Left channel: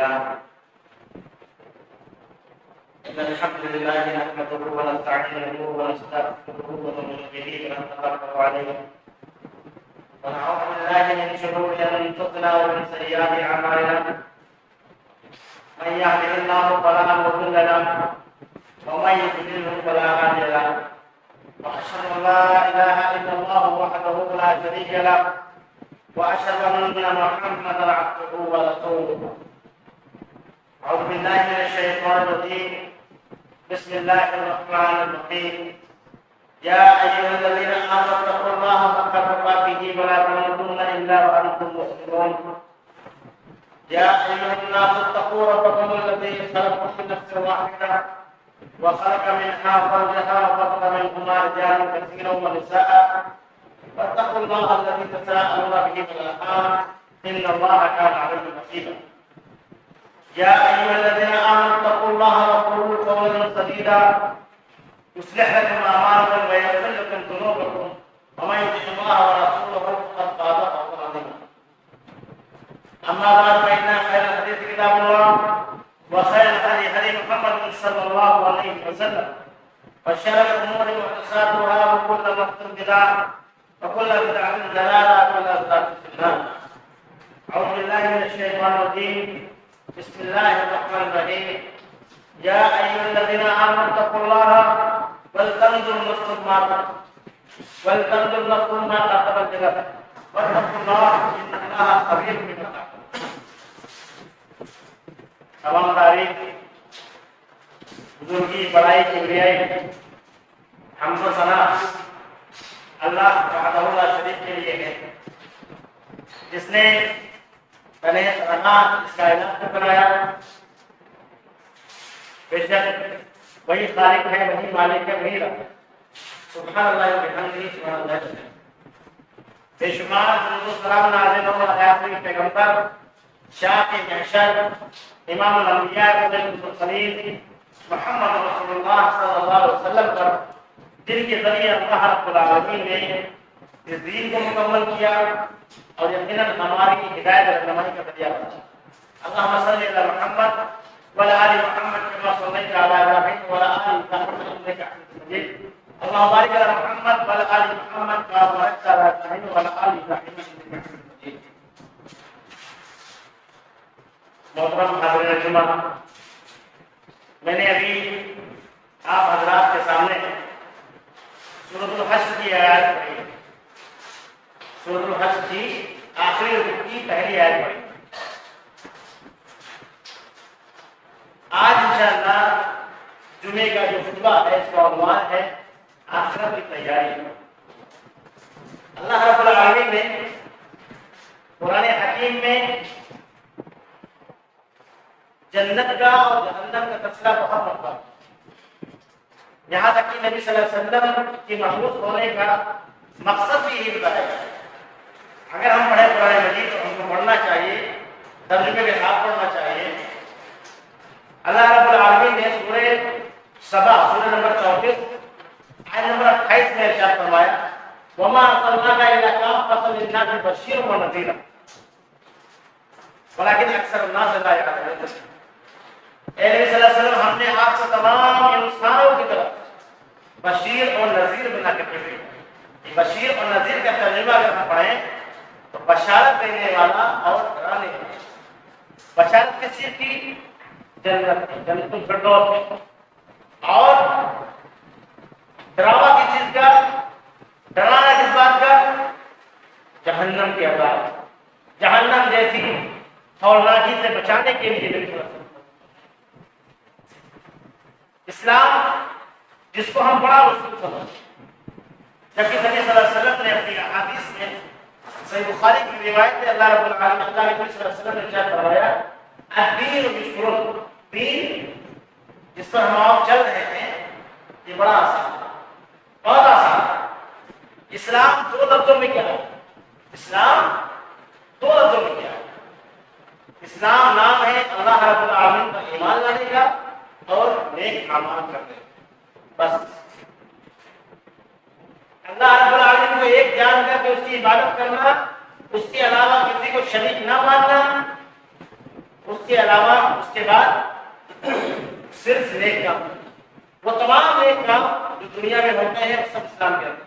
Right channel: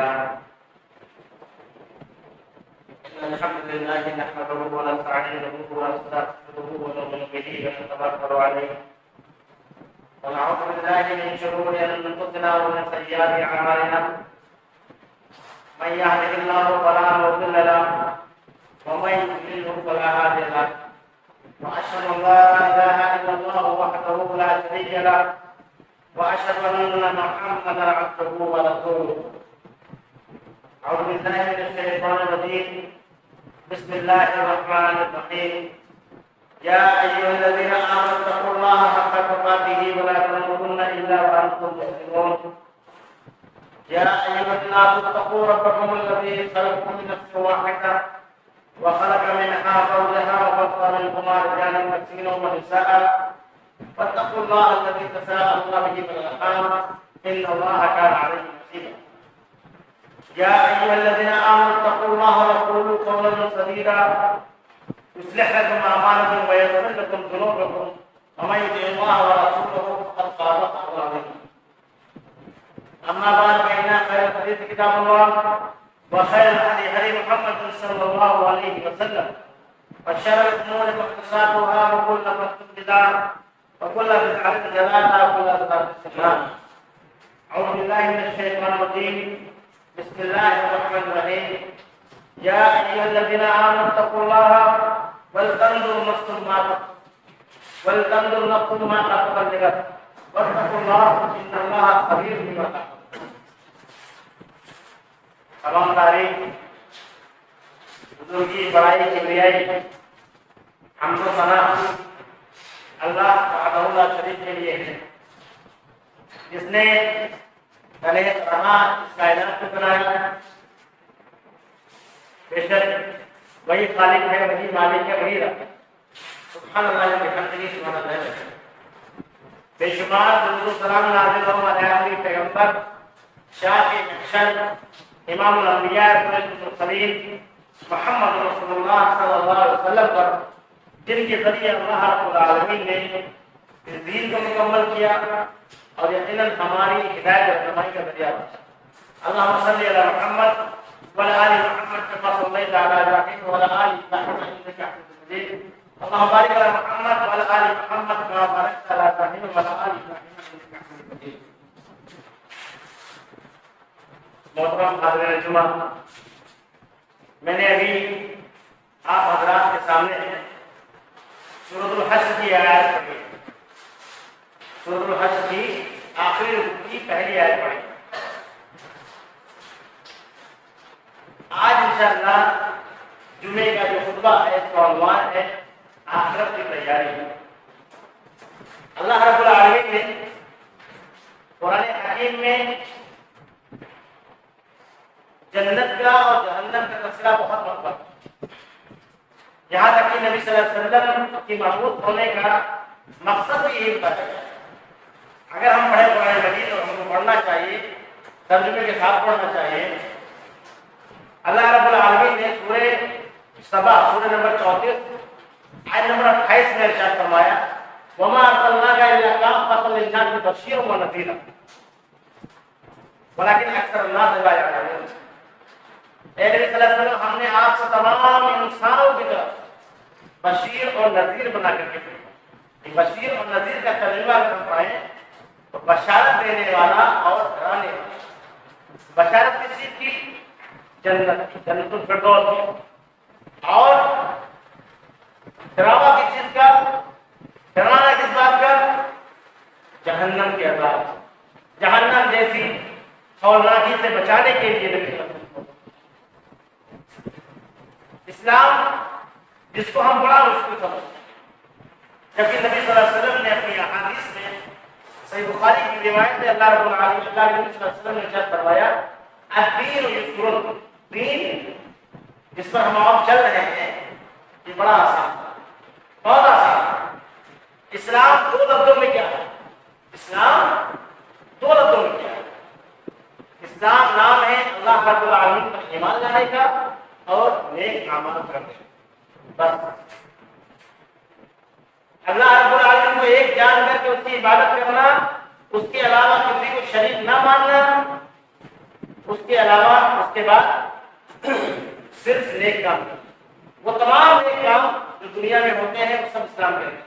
لله إن الحمد لله نحمده ونستعينه ونستغفره ونؤمن به ونتوكل عليه ونعوذ بالله من شرور أنفسنا ومن سيئات أعمالنا من يهده الله فلا مضل له ومن يضلل فلا هادي له وأشهد أن لا إله إلا الله وحده لا شريك له وأشهد أن محمدا عبده ورسوله أعوذ بالله من الشيطان الرجيم بسم الله الرحمن الرحيم يا أيها الذين آمنوا اتقوا الله حق تقاته ولا تموتن إلا وأنتم مسلمون يا أيها الناس اتقوا ربكم الذي خلقكم من نفس واحدة وخلق منها زوجها وبث منهما رجالا كثيرا ونساء واتقوا الله الذي تساءلون به والأرحام إن الله كان عليكم رقيبا يا أيها الذين آمنوا اتقوا الله وقولوا قولا سديدا يصلح لكم أعمالكم ويغفر لكم ذنوبكم ومن يطع الله ورسوله فقد فاز فوزا عظيما أما بعد فإن خير الحديث كتاب الله وخير الهدي هدي محمد صلى الله عليه وسلم وشر الأمور محدثاتها وكل محدثة بدعة وكل بدعة ضلالة وكل ضلالة في النار أعوذ بالله من الشيطان الرجيم بسم الله الرحمن الرحيم يا أيها الذين آمنوا اتقوا الله ولتنظر نفس ما قدمت لغد واتقوا الله إن الله خبير بما تعملون. تمام تعریف بزرگی بڑائی کبریائی حمد و ثنا اللہ وحدہ لا شریک کے لیے ہے جس نے تنہ تنہا اس کائنات کو بنایا. بے شک وہی خالق ہے, وہی مالک ہے, وہی رب ہے. سبحان اللہ و بحمدہ سبحان اللہ. بے شمار درود و سلام نازل ہو علی آخری پیغمبر شافع محشر امام الانبیاء المرسلین محمد رسول اللہ صلی اللہ علیہ وسلم پر, جن کے ذریعے اللہ رب العالمین نے اس دین کو مکمل کیا اور یقیناً ہماری ہدایت اور رہنمائی کا ذریعہ بنا. اللہم صلی علی محمد وعلی آل محمد کما صلیت علی ابراہیم وعلی آل ابراہیم انک حمید مجید. اللہم بارک علی محمد وعلی آل محمد کما بارکت علی ابراہیم وعلی آل ابراہیم انک حمید مجید. محترم حاضرین جمعہ, میں نے ابھی آپ حضرات کے سامنے سورۃ الحشر کی آیت پڑھی ہے. سورۃ الحشر کی آخری رکوع کی پہلی آیت پڑھی. آج انشاءاللہ جمعے کا جو خطبہ ہے اس کا عنوان ہے آخرت کی تیاری. اللہ رب العالمین نے قرآن حکیم میں جنت کا اور جہنم کا تذکرہ بہت مرتبہ, یہاں تک کہ نبی صلی اللہ علیہ وسلم کی مبعوث ہونے کا مقصد بھی یہی بتایا گیا. اگر ہم پڑھیں قرآن مجید تو ہم کو پڑھنا چاہیے, ترجمے کے ساتھ پڑھنا چاہیے. اللہ رب العالمین نے سورہ سبا سورہ نمبر 34 آیت نمبر 28 میں ارشاد فرمایا وما ارسلناک الا کافۃ للناس بشیرا ونذیرا ولکن اکثر الناس لا یعلمون. اے نبی صلی اللہ علیہ وسلم, ہم نے آپ کو تمام انسانوں کی طرف بشیر اور نذیر بنا کر کے بھیجا. بشیر اور نذیر کا ترجمہ اگر ہم پڑھیں تو بشارت دینے والا اور ڈرانے والا. بشارت کس چیز کی؟ جنت کی, جنت الفردوس کی. اور ڈراوا کس چیز کا؟ ڈرانا کس بات کا؟ جہنم کے عذاب, جہنم جیسی ہولناکی سے بچانے کے لیے نبی صلی اللہ علیہ وسلم. اسلام جس کو ہم بڑا مشکل سمجھتے, جبکہ نبی صلی اللہ علیہ وسلم نے اپنی احادیث میں صحیح بخاری کی روایت میں اللہ رب العالمین اللہ کے نبی صلی اللہ علیہ وسلم نے ارشاد فرمایا الدین یسر, دین جس پر ہم آپ چل رہے ہیں یہ بڑا آسان تھا, بہت آسان تھا. اسلام دو لفظوں میں کیا ہے؟ اسلام دو لفظوں میں کیا ہے؟ اسلام نام ہے اللہ رب العالمین پر ایمان لانے کا اور نیک اعمال کرنے کا. بس اللہ رب العالمین کو ایک جان کر کے اس کی عبادت کرنا, اس کے علاوہ کسی کو شریک نہ ماننا, اس کے علاوہ اس کے بعد صرف نیک کام، وہ تمام نیک کام جو دنیا میں ہوتے ہیں وہ سب اسلام کے اندر۔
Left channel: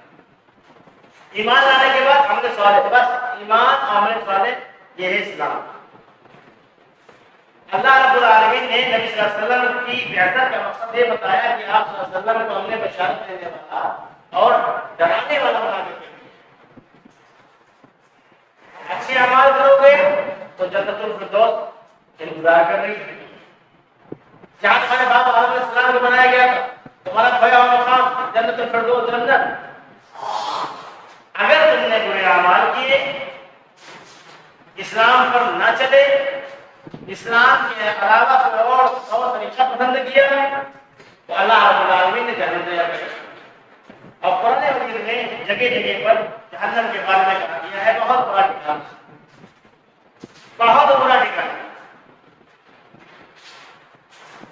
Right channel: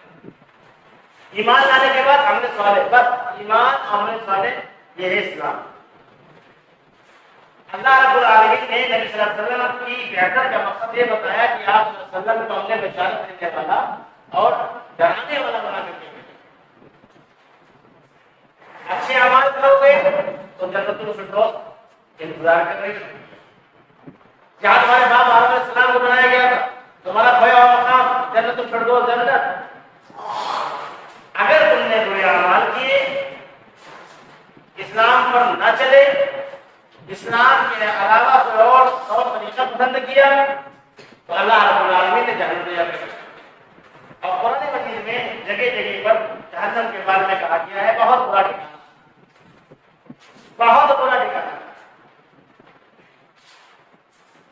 ایمان لانے کے بعد عمل صالح، بس ایمان اور عمل صالح یہ ہے اسلام۔ اللہ رب العالمین نے نبی صلی اللہ علیہ وسلم کی بعثت کا مقصد یہ بتایا کہ آپ صلی اللہ علیہ وسلم کو ہم نے بشارت دینے والا اور ڈرانے والا بنا کر کے بھیجا۔ اچھے اعمال کرو گے تو جنت الفردوس انتظار کر رہی ہے۔ جہاں تمہارے باپ آدم علیہ السلام کو بنایا گیا تھا، تمہارا کھویا ہوا مقام جنت الفردوس جنت۔ اگر تم نے برے اعمال کیے، اسلام پر نہ چلے، اسلام کے علاوہ کوئی اور طریقہ پسند کیا، تو اللہ رب العالمین نے جہنم تیار کر رکھا۔ اور قرآن مجید میں جگہ جگہ پر جہنم کے بارے میں کہا گیا ہے، بہت برا ٹھکانہ، بہت برا ٹھکانہ۔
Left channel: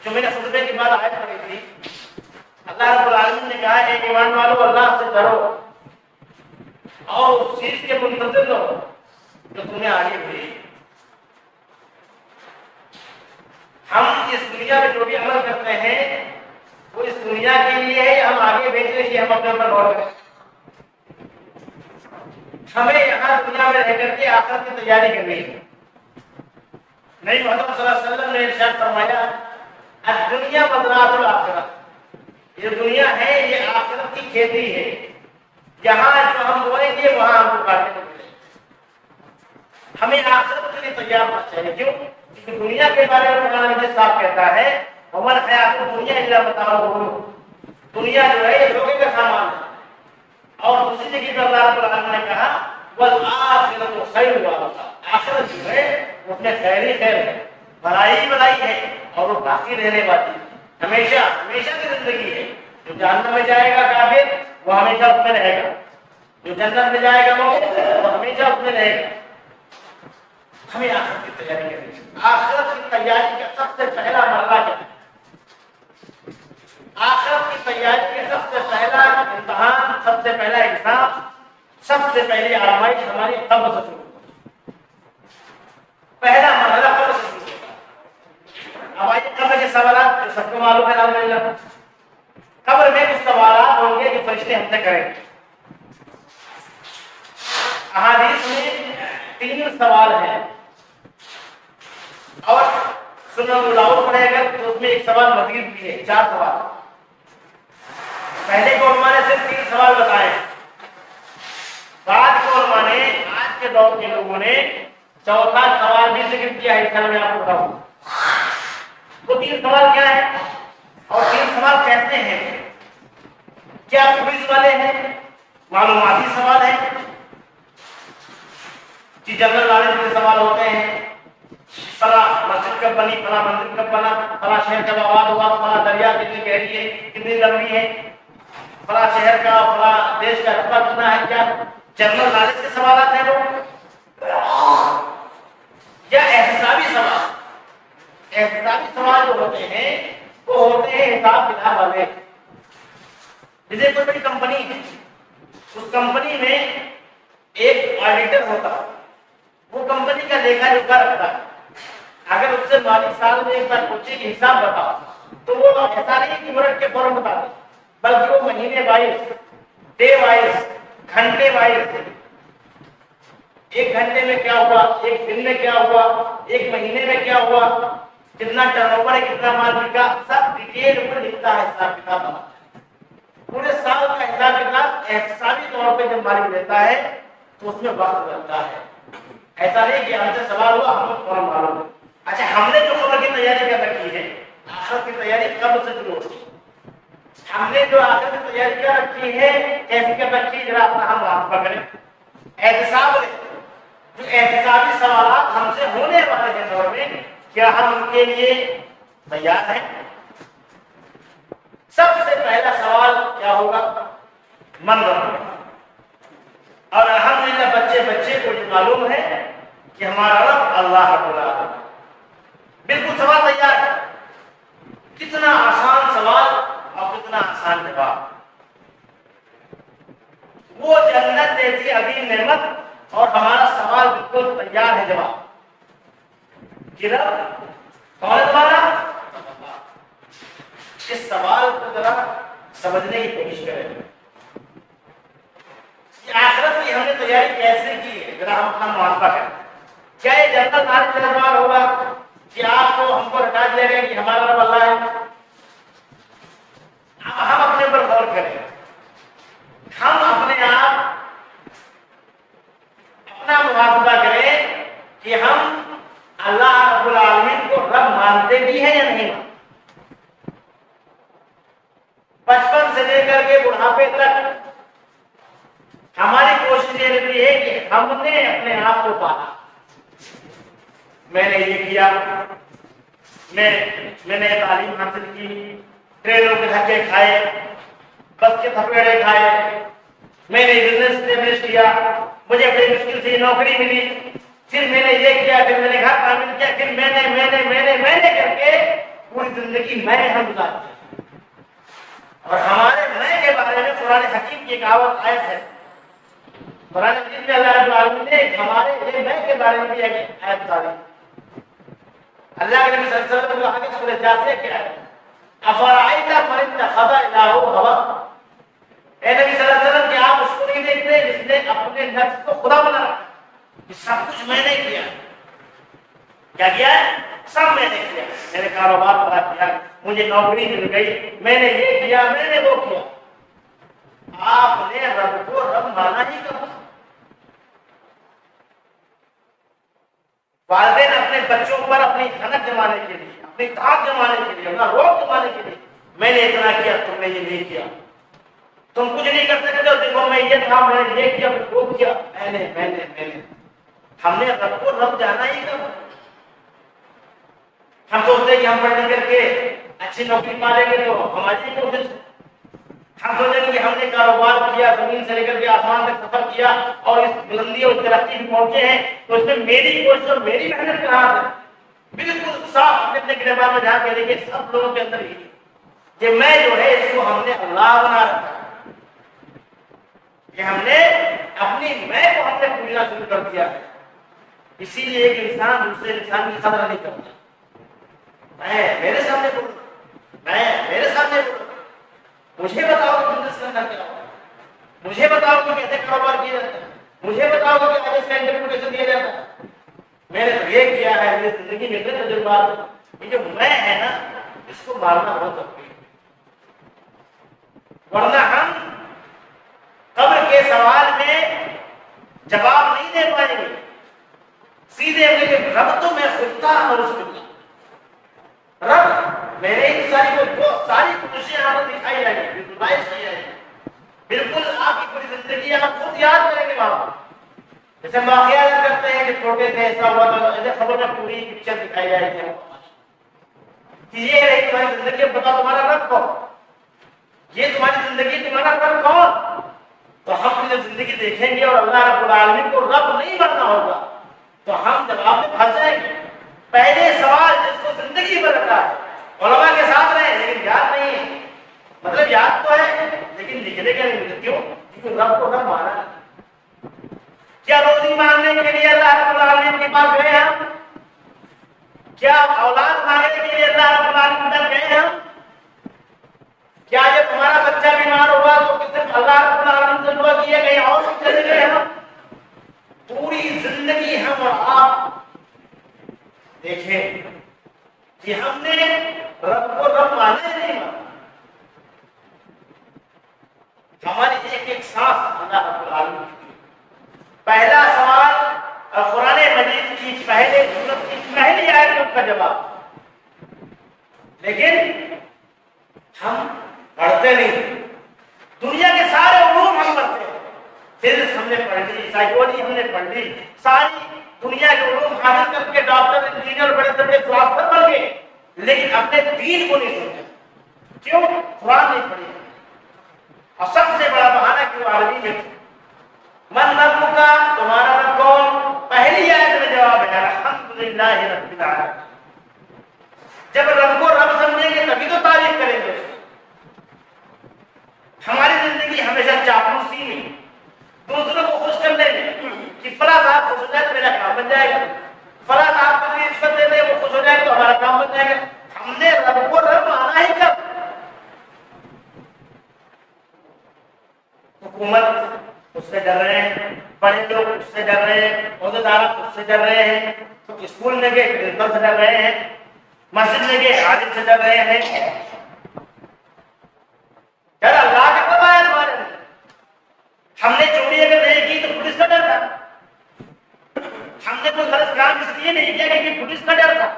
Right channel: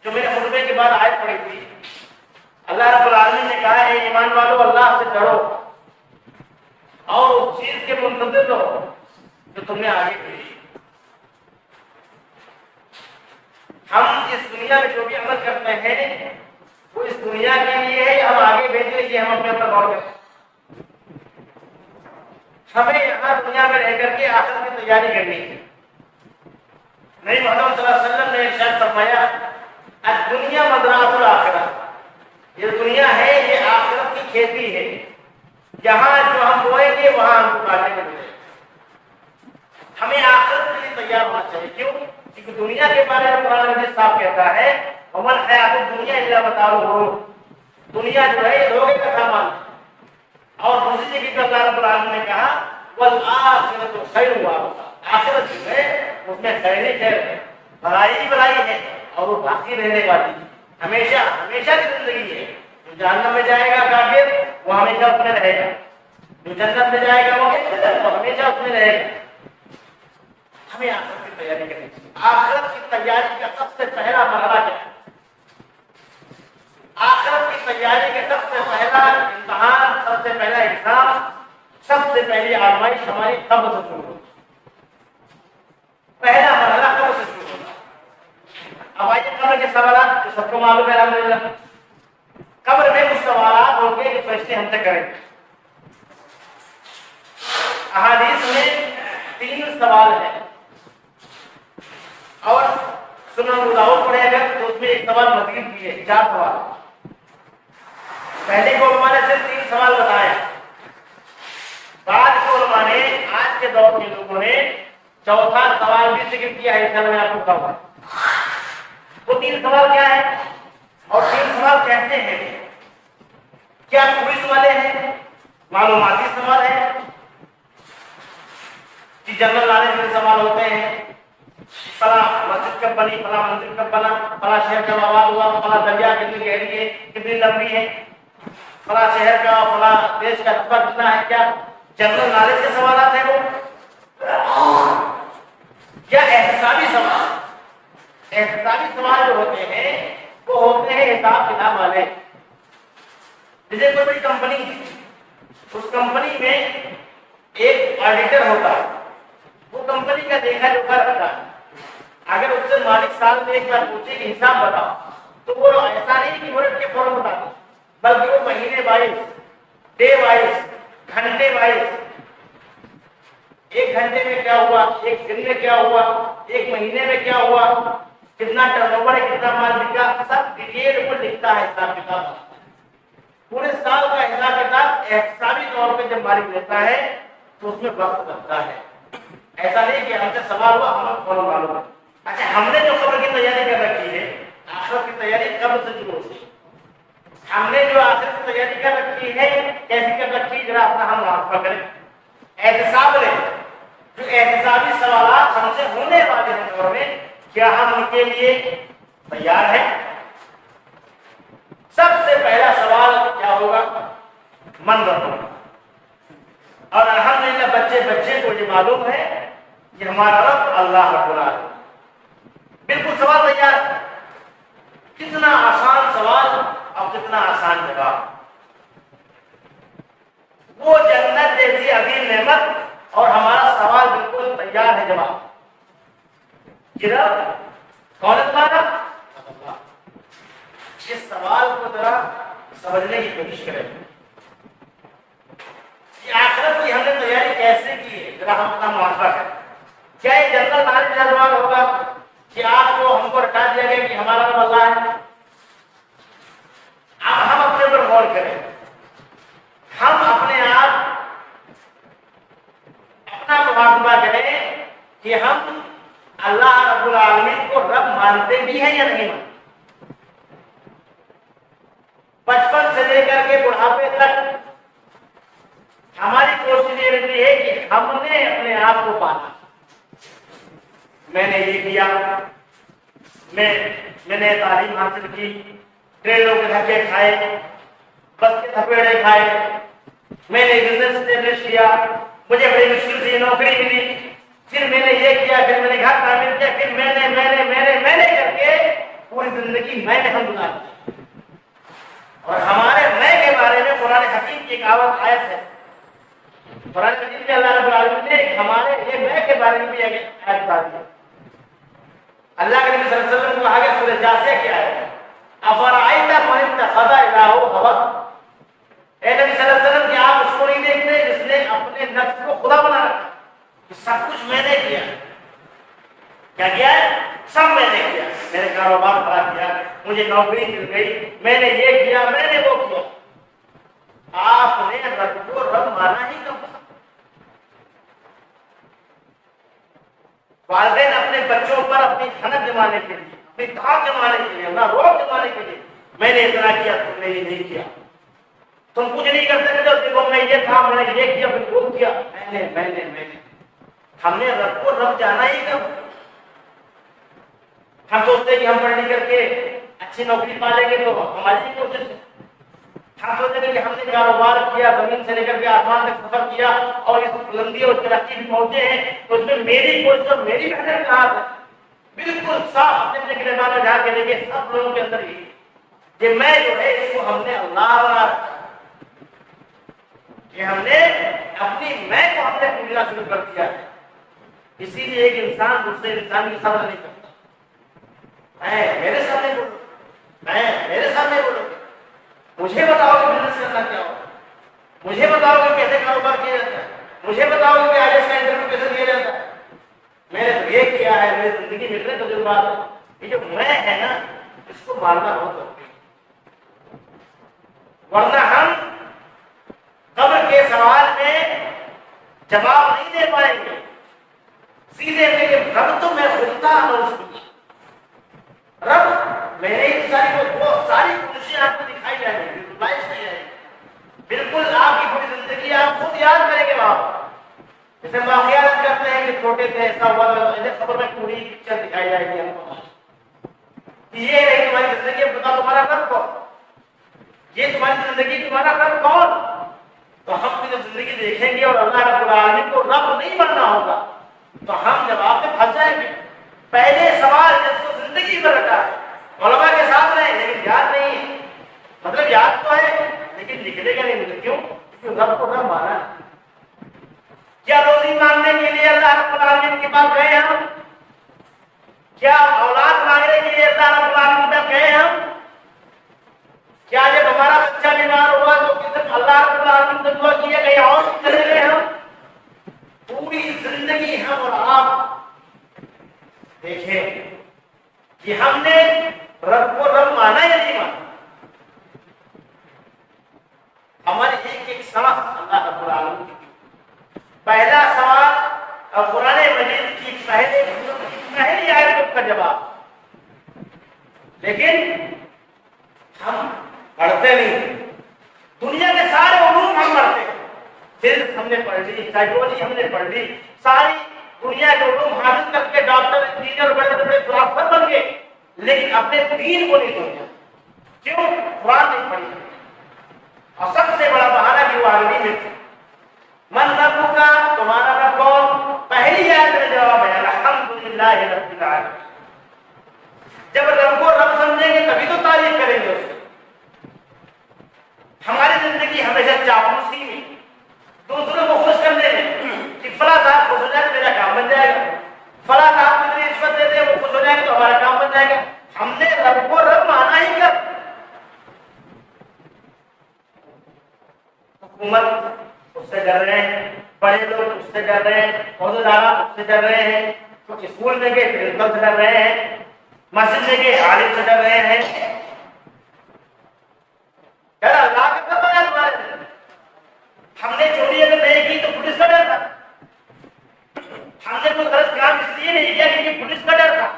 جو میں نے خطبے کے بعد آیت پڑھی تھی، اللہ رب العالمین نے کہا اے ایمان والو اللہ سے ڈرو اور اس چیز کے منتظر رہو جو تم نے آگے بھیجی۔ ہم اس دنیا میں جو بھی عمل کرتے ہیں وہ اس دنیا کے لیے ہے، ہم آگے بھیجنے کے لیے ہم اپنے اوپر غور کریں۔ ہمیں یہاں دنیا میں رہ کر کے آخرت کی تیاری کرنی ہے۔ نبی محمد صلی اللہ علیہ وسلم نے ارشاد فرمایا الدنیا مزرعۃ الآخرہ، یہ دنیا ہے یہ آخرت کی کھیتی ہے، یہاں جو ہم بوئیں گے وہاں ہم کو کاٹنے کو ملے گا۔ ہمیں آخرت کے لیے تیار ہونا چاہیے، کیوں؟ کیونکہ دنیا کے بارے میں قرآن مجید صاف کہتا ہے وَمَا الْحَيَاةُ الدُّنْيَا إِلَّا مَتَاعُ الْغُرُورِ، دنیا جو ہے یہ دھوکے کا سامان ہے۔ اور دوسری جگہ پر اللہ رب العالمین نے کہا وَالْآخِرَةُ خَيْرٌ وَأَبْقَىٰ، آخرت جو ہے اس میں خیر ہی خیر ہے، بھلائی ہی بھلائی ہے، اور وہ باقی رہنے والی ہے، ہمیشہ ہمیشہ کی زندگی ہے۔ جو جہنم میں جائے گا کافر وہ ہمیشہ اس میں رہے گا، جو جنت میں جائے گا وہ ہمیشہ اس میں رہے گا۔ ہمیں آخرت کی تیاری کرنی چاہیے۔ آخرت کی تیاری کا سب سے پہلا مرحلہ کیا ہے؟ آخرت کی تیاری کا سب سے پہلا امتحان، سب سے پہلا ایگزام، سب سے پہلی آزمائش ہماری قبر سے شروع ہوگی۔ پہلا مرحلہ قبر سے شروع ہوگا۔ اب آئیے قبر کے سوالات جو سب کو معلوم ہے الحمدللہ۔ قبر میں کچھ سوالات ہوں گے جو فرشتے ہم سے کریں گے۔ احادیث میں 3 سوال ہیں، اور سنن ابو داؤد پڑھے اگر تو اس میں ایک سوال مزید بھی ہے، 4 سوال۔ پہلے کے علماء نے صرف 3 سوال بتائے، بعد کے علماء نے آج کے دور کے لوگوں نے چوتھا سوال بھی ذکر کیا ہے، میں آپ کو بتاؤں وہ 3 سوال کیا ہیں اور 3 سوال کیسے ہیں؟ کیا کوئز والے ہیں، معلوماتی سوال ہیں کہ جنرل نالج کے سوال ہوتے ہیں، فلاں مسجد کب بنی، فلاں مندر کب بنا، فلاں شہر کب آباد ہوا، فلاں دریا کتنی گہری ہے، کتنی لمبی ہے، فلاں شہر کا فلاں دیش کا رقبہ کتنا ہے؟ کیا جنرل نالج کے سوالات ہیں وہ، یا احتسابی سوال؟ احتسابی سوال جو ہوتے ہیں وہ ہوتے ہیں حساب کتاب والے۔ جیسے کوئی بڑی کمپنی ہے، اس کمپنی میں ایک آڈیٹر ہوتا ہے، وہ کمپنی کا لیکھا جوکھا رکھتا ہے۔ اگر اس سے مالک سال میں ایک بار پوچھے کہ حساب بتاؤ، تو وہ ایسا نہیں کہ مرٹ کے فوراً بتا دے، بلکہ وہ مہینے وائز، ڈے وائز، گھنٹے وائز، 1 گھنٹے میں کیا ہوا، 1 دن میں کیا ہوا، 1 مہینے میں کیا ہوا، کتنا ٹرن اوور ہے، کتنا مال بکا، سب ڈیٹیل کو لکھتا ہے، حساب کتاب بناتا ہے۔ پورے سال کا حساب کتاب احتسابی طور پہ جب مالک لیتا ہے تو اس میں وقت لگتا ہے۔ ایسا نہیں کہ ہم سے سوال ہوا ہمیں فوراً معلوم ہے۔ اچھا، ہم نے جو قبر کی تیاری کر رکھی ہے، آخرت کی تیاری قبر سے شروع ہوتی ہے۔ ہم نے جو آخرت کی تیاری کر رکھی ہے کیسی کر رکھی ہے، ذرا اپنا ہم محاسبہ کریں۔ احتساب لیں، جو احتسابی سوالات ہم سے ہونے والے ہیں دور میں، کیا ہم ان کے لیے تیار ہیں؟ سب سے پہلا سوال کیا ہوگا؟ من رب۔ اور الحمدللہ بچے کو یہ معلوم ہے کہ ہمارا رب اللہ رب العالمین، بالکل سوال تیار ہے۔ کتنا آسان سوال اور کتنا آسان جواب۔ وہ جنت جیسی عظیم نعمت اور ہمارا سوال بالکل تیار ہے جواب۔ کہ رب کون ہے تمہارا؟ اس سوال کو ذرا سمجھنے کی کوشش کریں کہ آخرت کی ہم نے تیاری کیسے کی ہے، ذرا ہم اپنا محاسبہ کریں۔ کیا یہ جنرل نالج کا سوال ہوگا کہ آپ کو ہم کو رٹا دیا گیا کہ ہمارا رب اللہ ہے؟ اب ہم اپنے اوپر غور کریں، ہم اپنے آپ اپنا محاسبہ کریں کہ ہم اللہ رب العالمین کو رب مانتے بھی ہیں یا نہیں مانتے۔ بچپن سے لے کر کے بڑھاپے تک ہماری کوشش یہ رہتی ہے کہ ہم نے اپنے آپ کو پانا، میں نے یہ کیا، میں نے تعلیم حاصل کی، ٹرینوں کے دھکے کھائے، بس کے تھپیڑے کھائے، میں نے بزنس اسٹیبلش کیا، مجھے بڑی مشکل سے نوکری ملی، پھر میں نے یہ کیا، پھر میں نے گھر تعمیر کیا، پھر میں نے کر کے پوری زندگی میں نے ہم گزارتی۔ اور ہمارے میں کے بارے میں قرآن حکیم کی ایک آیت ہے، قرآن مجید میں اللہ رب العالمین نے ہمارے یہ میں کے بارے میں بھی ایک آیت بتا دی ہے۔ اللہ کے نبی صلی اللہ علیہ وسلم کو آگے سورہ جاثیہ کی آیت ہے، افرأیت من اتخذ الہہ ہوا، اے نبی صلی اللہ علیہ وسلم کہ آپ اس کو نہیں دیکھتے جس نے اپنے نفس کو خدا بنا رکھا کہ سب کچھ میں نے کیا۔ کیا کیا ہے؟ سب میں نے کیا، میں نے کاروبار کھڑا کیا، مجھے نوکری مل گئی، میں نے یہ کیا، میں نے وہ کیا۔ آپ نے رب کو رب مانا ہی کب؟ والدین اپنے بچوں پر اپنی حنک جمانے کے لیے، اپنی طاقت جمانے کے لیے، اپنا روب جمانے کے لیے، میں نے اتنا کیا، تم نے یہ نہیں کیا، تم کچھ نہیں کر سکتے، دیکھو میں یہ تھا، میں نے یہ کیا، پھر وہ کیا، میں نے ہم نے رب کو رب جانا ہی کب؟ ہم سوچتے ہیں کہ ہم پڑھ لکھ کر کے اچھی نوکری پا لیں گے تو ہماری ہی کوشش ہے۔ ہم سوچیں گے کہ ہم نے کاروبار کیا، زمین سے لے کر کے آسمان تک سفر کیا اور اس بلندی اور ترقی بھی پہنچے ہیں، تو اس میں میری کوشش اور میری محنت کہاں ہے؟ بالکل صاف اپنے اپنے گریبان میں جا کے دیکھیں، سب لوگوں کے اندر ہی یہ میں جو ہے اس کو ہم نے اللہ بنا رکھا ہے، کہ ہم نے اپنی میں کو ہم نے پوجنا شروع کر دیا ہے۔ اسی لیے ایک انسان دوسرے انسان کی قدر نہیں کرتا۔ میں میرے سامنے بولو، میں میرے سامنے بولو، مجھے بتاؤ کہ بزنس کرنا کیا ہوگا، مجھے بتاؤ کہ کیسے کاروبار کیا جاتا ہے، مجھے بتاؤ کہ آج اس کا انٹرویو کیسے دیا جاتا ہے۔ میں نے تو یہ کیا ہے، میری زندگی میں اتنے تجربات ہیں۔ یہ جو میں ہے نا، اس کو مارنا بہت ضروری ہے، ورنہ ہم قبر کے سوال میں جواب نہیں دے پائیں گے۔ سیدھے کہ رب تو میں خود تھا، نعوذ باللہ، رب میں نے ساری کوششیں آپ کو دکھائی جائیں گی، ویژوائز کی جائیں گی، بالکل آپ کی پوری زندگی آپ خود یاد کریں گے وہاں پر۔ جیسے واقعات کرتے ہیں کہ چھوٹے تھے ایسا ہوا تھا، ایسے خبر میں پوری پکچر دکھائی جائے گی ہم کو کہ یہ رہی تمہاری زندگی، اب بتاؤ تمہارا رب کون، یہ تمہاری زندگی، تمہارا رب کون؟ تو ہم اپنی جب زندگی دیکھیں گے اور اللہ رب العالمین کو رب نہیں ماننا ہوگا تو ہم جواب میں پھنس جائیں گے۔ پہلے سوال جس کو زندگی میں رکھا ہے، علماء کے ساتھ رہے لیکن یاد نہیں ہے، مطلب یاد تو ہے لیکن لکھنے کا نہیں، کیوں؟ کیونکہ رب کو رب مانا ہے۔ کیا روزی مانگنے کے لیے اللہ رب العالمین کے پاس گئے ہم؟ کیا اولاد مانگنے کے لیے اللہ رب العالمین کے پاس گئے ہم؟ کیا جب ہمارا بچہ بیمار ہوا تو صرف اللہ رب العالمین سے دعا کی ہے، کہیں اور چلے گئے ہم؟ پوری زندگی ہم اور آپ دیکھیں کہ ہم نے رب کو رب مانا یا نہیں مانا۔ ہماری ایک ایک سانس اللہ رب العالمین کی۔ پہلا سوال قرآن مجید کی پہلے سورت کی پہلی آیت کا جواب، لیکن ہم پڑھتے نہیں۔ دنیا کے سارے علوم ہم پڑھتے ہیں، فزکس ہم نے پڑھ لی، سائیکولوجی ہم نے پڑھ لی، ساری دنیا کے علوم حاصل کر کے ڈاکٹر، انجینئر، بڑے سے بڑے فلاسفر بن گئے، لیکن اپنے دین کو نہیں سمجھا۔ کیوں؟ قرآن نہیں پڑھی۔ اور سب سے بڑا بہانہ کہ وہ عربی میں تھے۔ من رب کا، تمہارا رب کون؟ پہلی آیت میں جواب ہے الحمدللہ رب العالمین۔ جب رب کو رب سمجھیں گے تبھی تو تعریف کریں گے اس کی۔ ہماری زندگی ہمیشہ چاپلوسی میں، دوسروں کو خوش کرنے میں کہ فلاں صاحب خوش ہو جائے تو میرا کام بن جائے گا، فلاں آپ کو رشوت دے دیں وہ خوش ہو جائیں گے تو ہمارا کام بن جائے گا. ہم نے رب کو رب مانا ہی کب؟ حکومت اس سے ڈر رہے ہیں, بڑے لوگ اس سے ڈر رہے ہیں, عہدیدار اس سے ڈر رہے ہیں, تو اسکول میں گئے پرنسپل سے ڈر رہے ہیں, مسجد میں گئے عالم سے ڈر رہے ہیں. ڈر اللہ کا کب آیا تمہارے اندر؟ ہم نے چوری اگر نہیں کی تو پولیس کا ڈر تھا, ہم نے کوئی غلط کام اس لیے نہیں کیا کیونکہ پولیس کا ڈر تھا.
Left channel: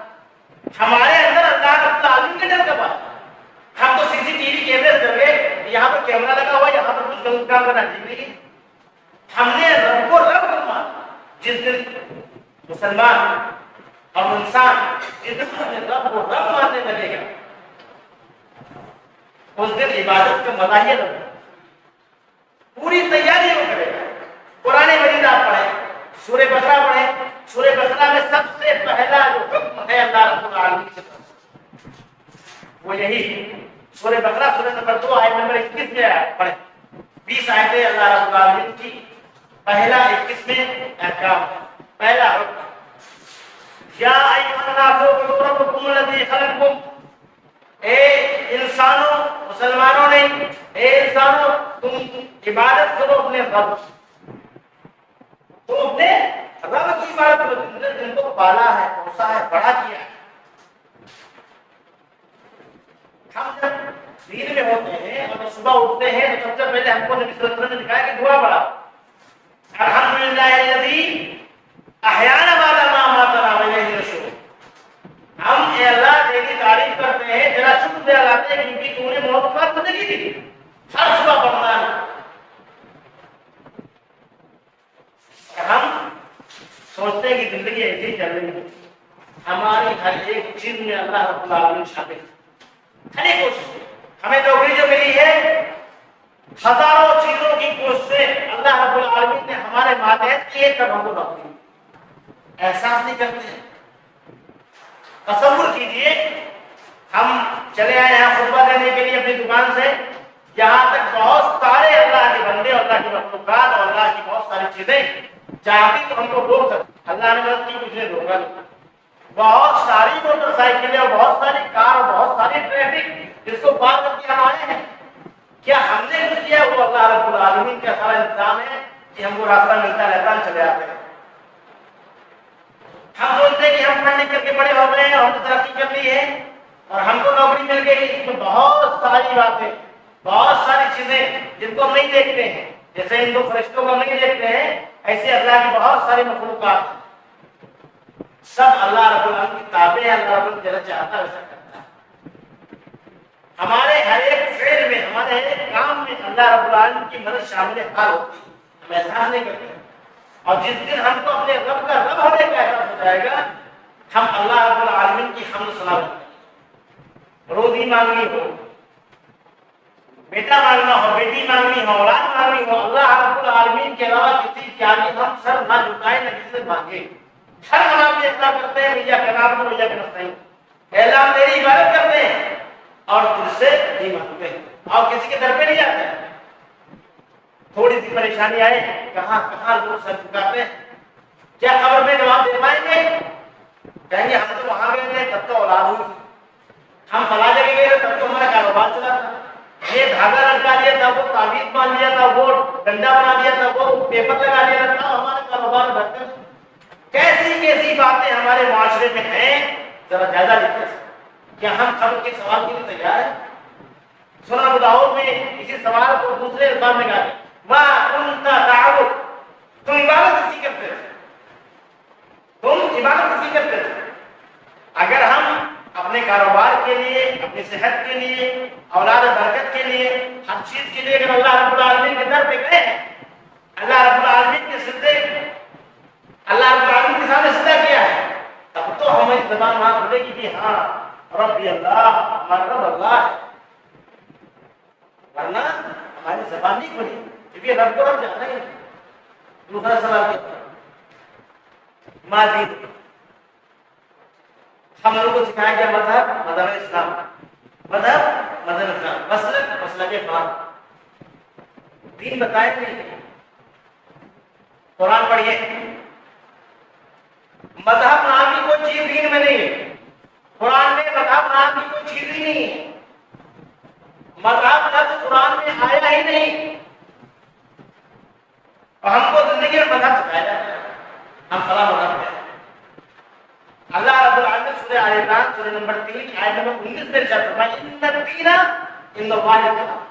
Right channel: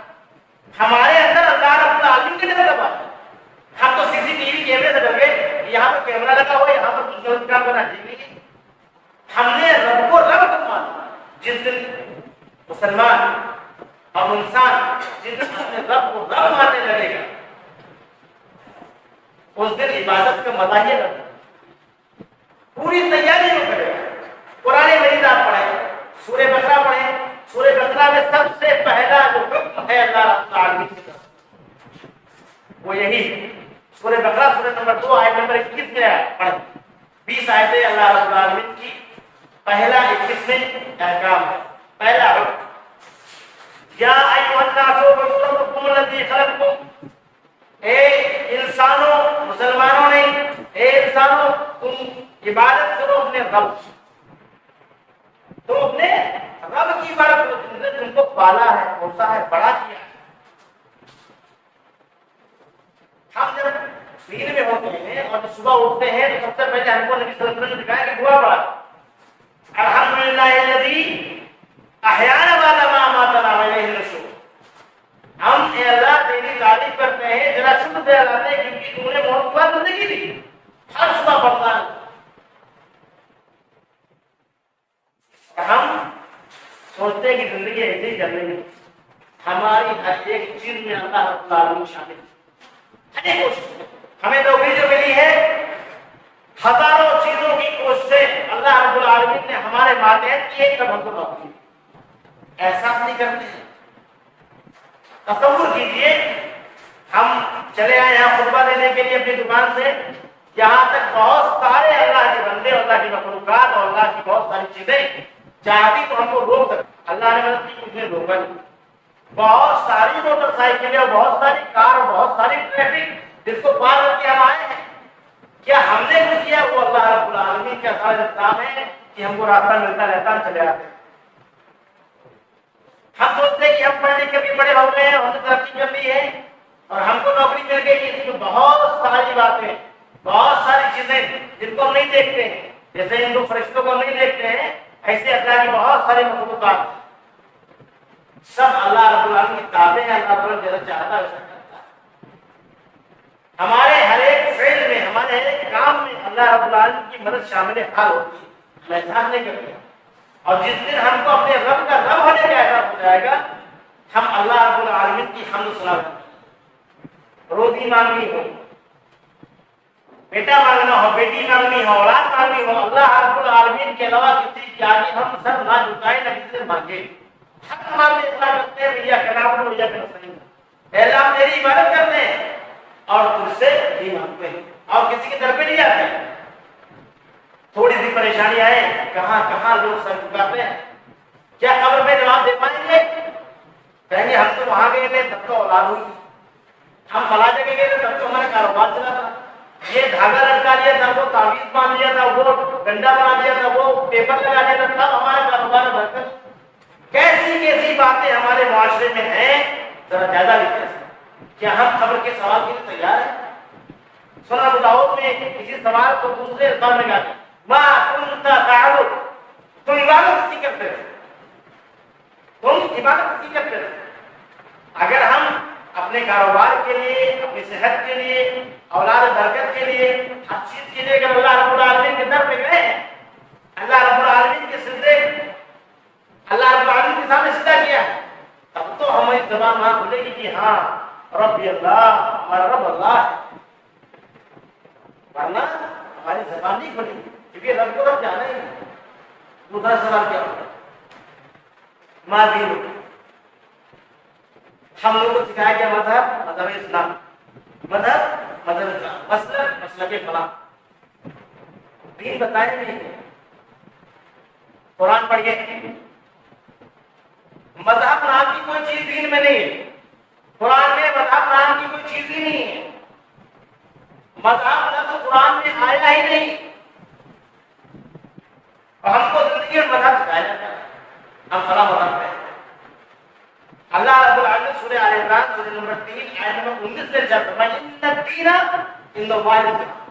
ہمارے اندر اللہ رب العالمین کا ڈر کب آیا؟ ہم تو سی سی ٹی وی کیمرے سے ڈر گئے, یہاں پر کیمرہ لگا ہوا, یہاں پر کچھ غلط کام کرنا ٹھیک نہیں ہے. ہم نے رب کو رب کو مانا. جس دن مسلمان اور انسان جس دن اپنے رب کو رب ماننے لگے گا اس دن عبادت کا مزہ ہی لگے گا, پوری تیاری وہ کرے گا. قرآن مجید آپ پڑھیں, سورہ بقرہ پڑھیں, سورہ بقرہ میں سب سے پہلا جو حکم ہے اللہ رب العالمین کی طرف وہ یہی ہے. سورہ بقرہ سورہ نمبر 2 آیت نمبر 21 میں پڑھیں. 20 آیتیں اللہ رب العالمین کی, پہلا 21 میں احکام ہے. پہلا حکم یا ایھا الناس اعبدوا ربکم الذی خلقکم, اے انسانوں, مسلمانوں نے, اے انسانوں تم عبادت کرو اپنے رب, تم اپنے رب کی عبادت کرو جس نے تم کو پالا ہے, پوسا ہے, بڑا کیا ہے. ہم جب نیند میں ہوتے ہیں اور جب صبح اٹھتے ہیں تو سب سے پہلے ہم کو نبی صلی اللہ علیہ وسلم نے دکھایا کہ دعا پڑھا, الحمدللہ الذی احیانا بعد ما اماتنا والیہ النشور. ہم اے اللہ تیری تعریف کرتے ہیں, تیرا شکر ادا کرتے ہیں کیونکہ تو نے موت کے بعد زندگی دی. ہر صبح پڑھنا ہے. ہم سوچتے ہیں کہ زندگی ایسے ہی چل رہی ہے, ہماری ہر ایک چیز میں اللہ رب العالمین شامل ہے. ہر ایک کوشش ہمیں نوکری جو ملی ہے, ہزاروں چیزوں کی کوششیں اللہ رب العالمین نے ہمارے ماتحت کی ہے, تب ہم کو نوکری احساس نہیں کرتے ہیں. تصور کیجئے ہم چلے آئے یہاں خطبہ دینے کے لیے اپنی دکان سے, یہاں تک بہت سارے اللہ کے بندے اور اللہ کی مخلوقات اور اللہ کی بہت ساری چیزیں چاہتی تو ہم کو روک سکتے, اللہ نے مدد کی, کچھ نے روکا نہیں. بہت ساری موٹر سائیکلیں اور بہت ساری کار اور بہت ساری ٹریفک جس کو پار کر کے ہم آئے ہیں, کیا ہم نے کچھ کیا؟ وہ اللہ رب العالمین کا سارا انتظام ہے کہ ہم کو راستہ ملتا رہتا, ہم چلے آتے ہیں. ہم سوچتے ہیں کہ ہم پڑھ لکھ کر کے بڑے ہو گئے ہیں, ہم نے ترقی کر لی ہے اور ہم کو نوکری مل گئی. اس میں بہت ساری باتیں, بہت ساری چیزیں جن کو ہم نہیں دیکھتے ہیں, جیسے ان دو فرشتوں کو ہم نہیں دیکھتے ہیں, ایسے اللہ کی بہت ساری مخلوقات سب اللہ رب العالمین کی تابع ہیں. اللہ رب العالمین جیسا چاہتا ہے ویسا کرتا ہے. ہمارے ہر ایک فعل میں, ہمارے ہر ایک کام میں اللہ رب العالمین کی مدد شامل حال ہوتی ہے, ہم احساس نہیں کرتے. اور جس دن ہم کو اپنے رب کا رب ہونے کا احساس ہو جائے گا, ہم اللہ رب العالمین کی حمد سنا لیں. روزی مانگنی ہو, بیٹا مانگنا ہو, بیٹی مانگنی ہو, اولاد مانگنی ہو, اللہ رب العالمین کے علاوہ کسی کے آگے ہم سر نہ جھکائیں, نہ کسی سے مانگے. ہر نماز میں اتنا کرتے ہیں بھیا کہ نام بھیا کہ نستعین, اے اللہ ہم تیری عبادت کرتے ہیں اور تجھ سے نہیں مانگتے ہیں اور کسی کے در پہ نہیں جاتے ہیں. تھوڑی سی پریشانی آئے, کہاں کہاں لوگ سر جھکاتے ہیں. کیا قبر میں جواب دے پائیں گے؟ کہیں گے ہم تو وہاں گئے تھے تب تو اولاد ہوئی تھی, ہم فلاں جگہ گئے تھے تب تو ہمارا کاروبار چلا تھا, یہ دھاگا لٹکا لیا تھا, وہ تعویذ باندھ لیا تھا, وہ ڈنڈا بنا دیا تھا, وہ پیپر لگا دیا تھا, تب ہمارا کاروبار بڑھتا. کیسی کیسی باتیں ہمارے معاشرے میں ہیں, ذرا جائزہ لیتے ہیں. کیا ہم قبر کے سوال کے لیے تیار ہیں؟ سنن ابو داؤد میں اسی سوال کو دوسرے الفاظ میں کہا گیا, ما کنت تعبد, تم عبادت کس کی کرتے تھے, تم عبادت کس کی کرتے تھے. اگر ہم اپنے کاروبار کے لیے, اپنی صحت کے لیے, اولاد برکت کے لیے, ہر چیز کے لیے اگر اللہ رب العالمین کے در پہ گئے ہیں, اللہ رب العالمین کے سجدے, اللہ رب العالمین کے سامنے سجدہ کیا ہے, تب تو ہماری زبان وہاں کھلے گی کہ ہاں ربی اللہ, ہمارا رب اللہ ہے. ورنہ ہماری زبان نہیں کھلی کیونکہ رب کو رب جانا ہی. دوسرا سوال کیا, ما دین, ہم لوگوں کو سکھایا گیا مذہب, مذہب اسلام, مذہب مذہب اسلام, مسلک مسلک فلاں. دین بتائیں نہیں. قرآن پڑھیے, مذہب نام کی کوئی چیز دین میں نہیں ہے، قرآن میں مذہب نام کی کوئی چیز ہی نہیں ہے، مذہب لفظ قرآن میں آیا ہی نہیں، اور ہم کو زندگی میں مذہب سکھایا جاتا ہے، ہم فلاں مذہب ہیں۔ اللہ رب العالمین سورہ آل عمران سورہ نمبر 3 آیت نمبر 19 میں ارشاد فرمایا ان الدین عند اللہ الاسلام۔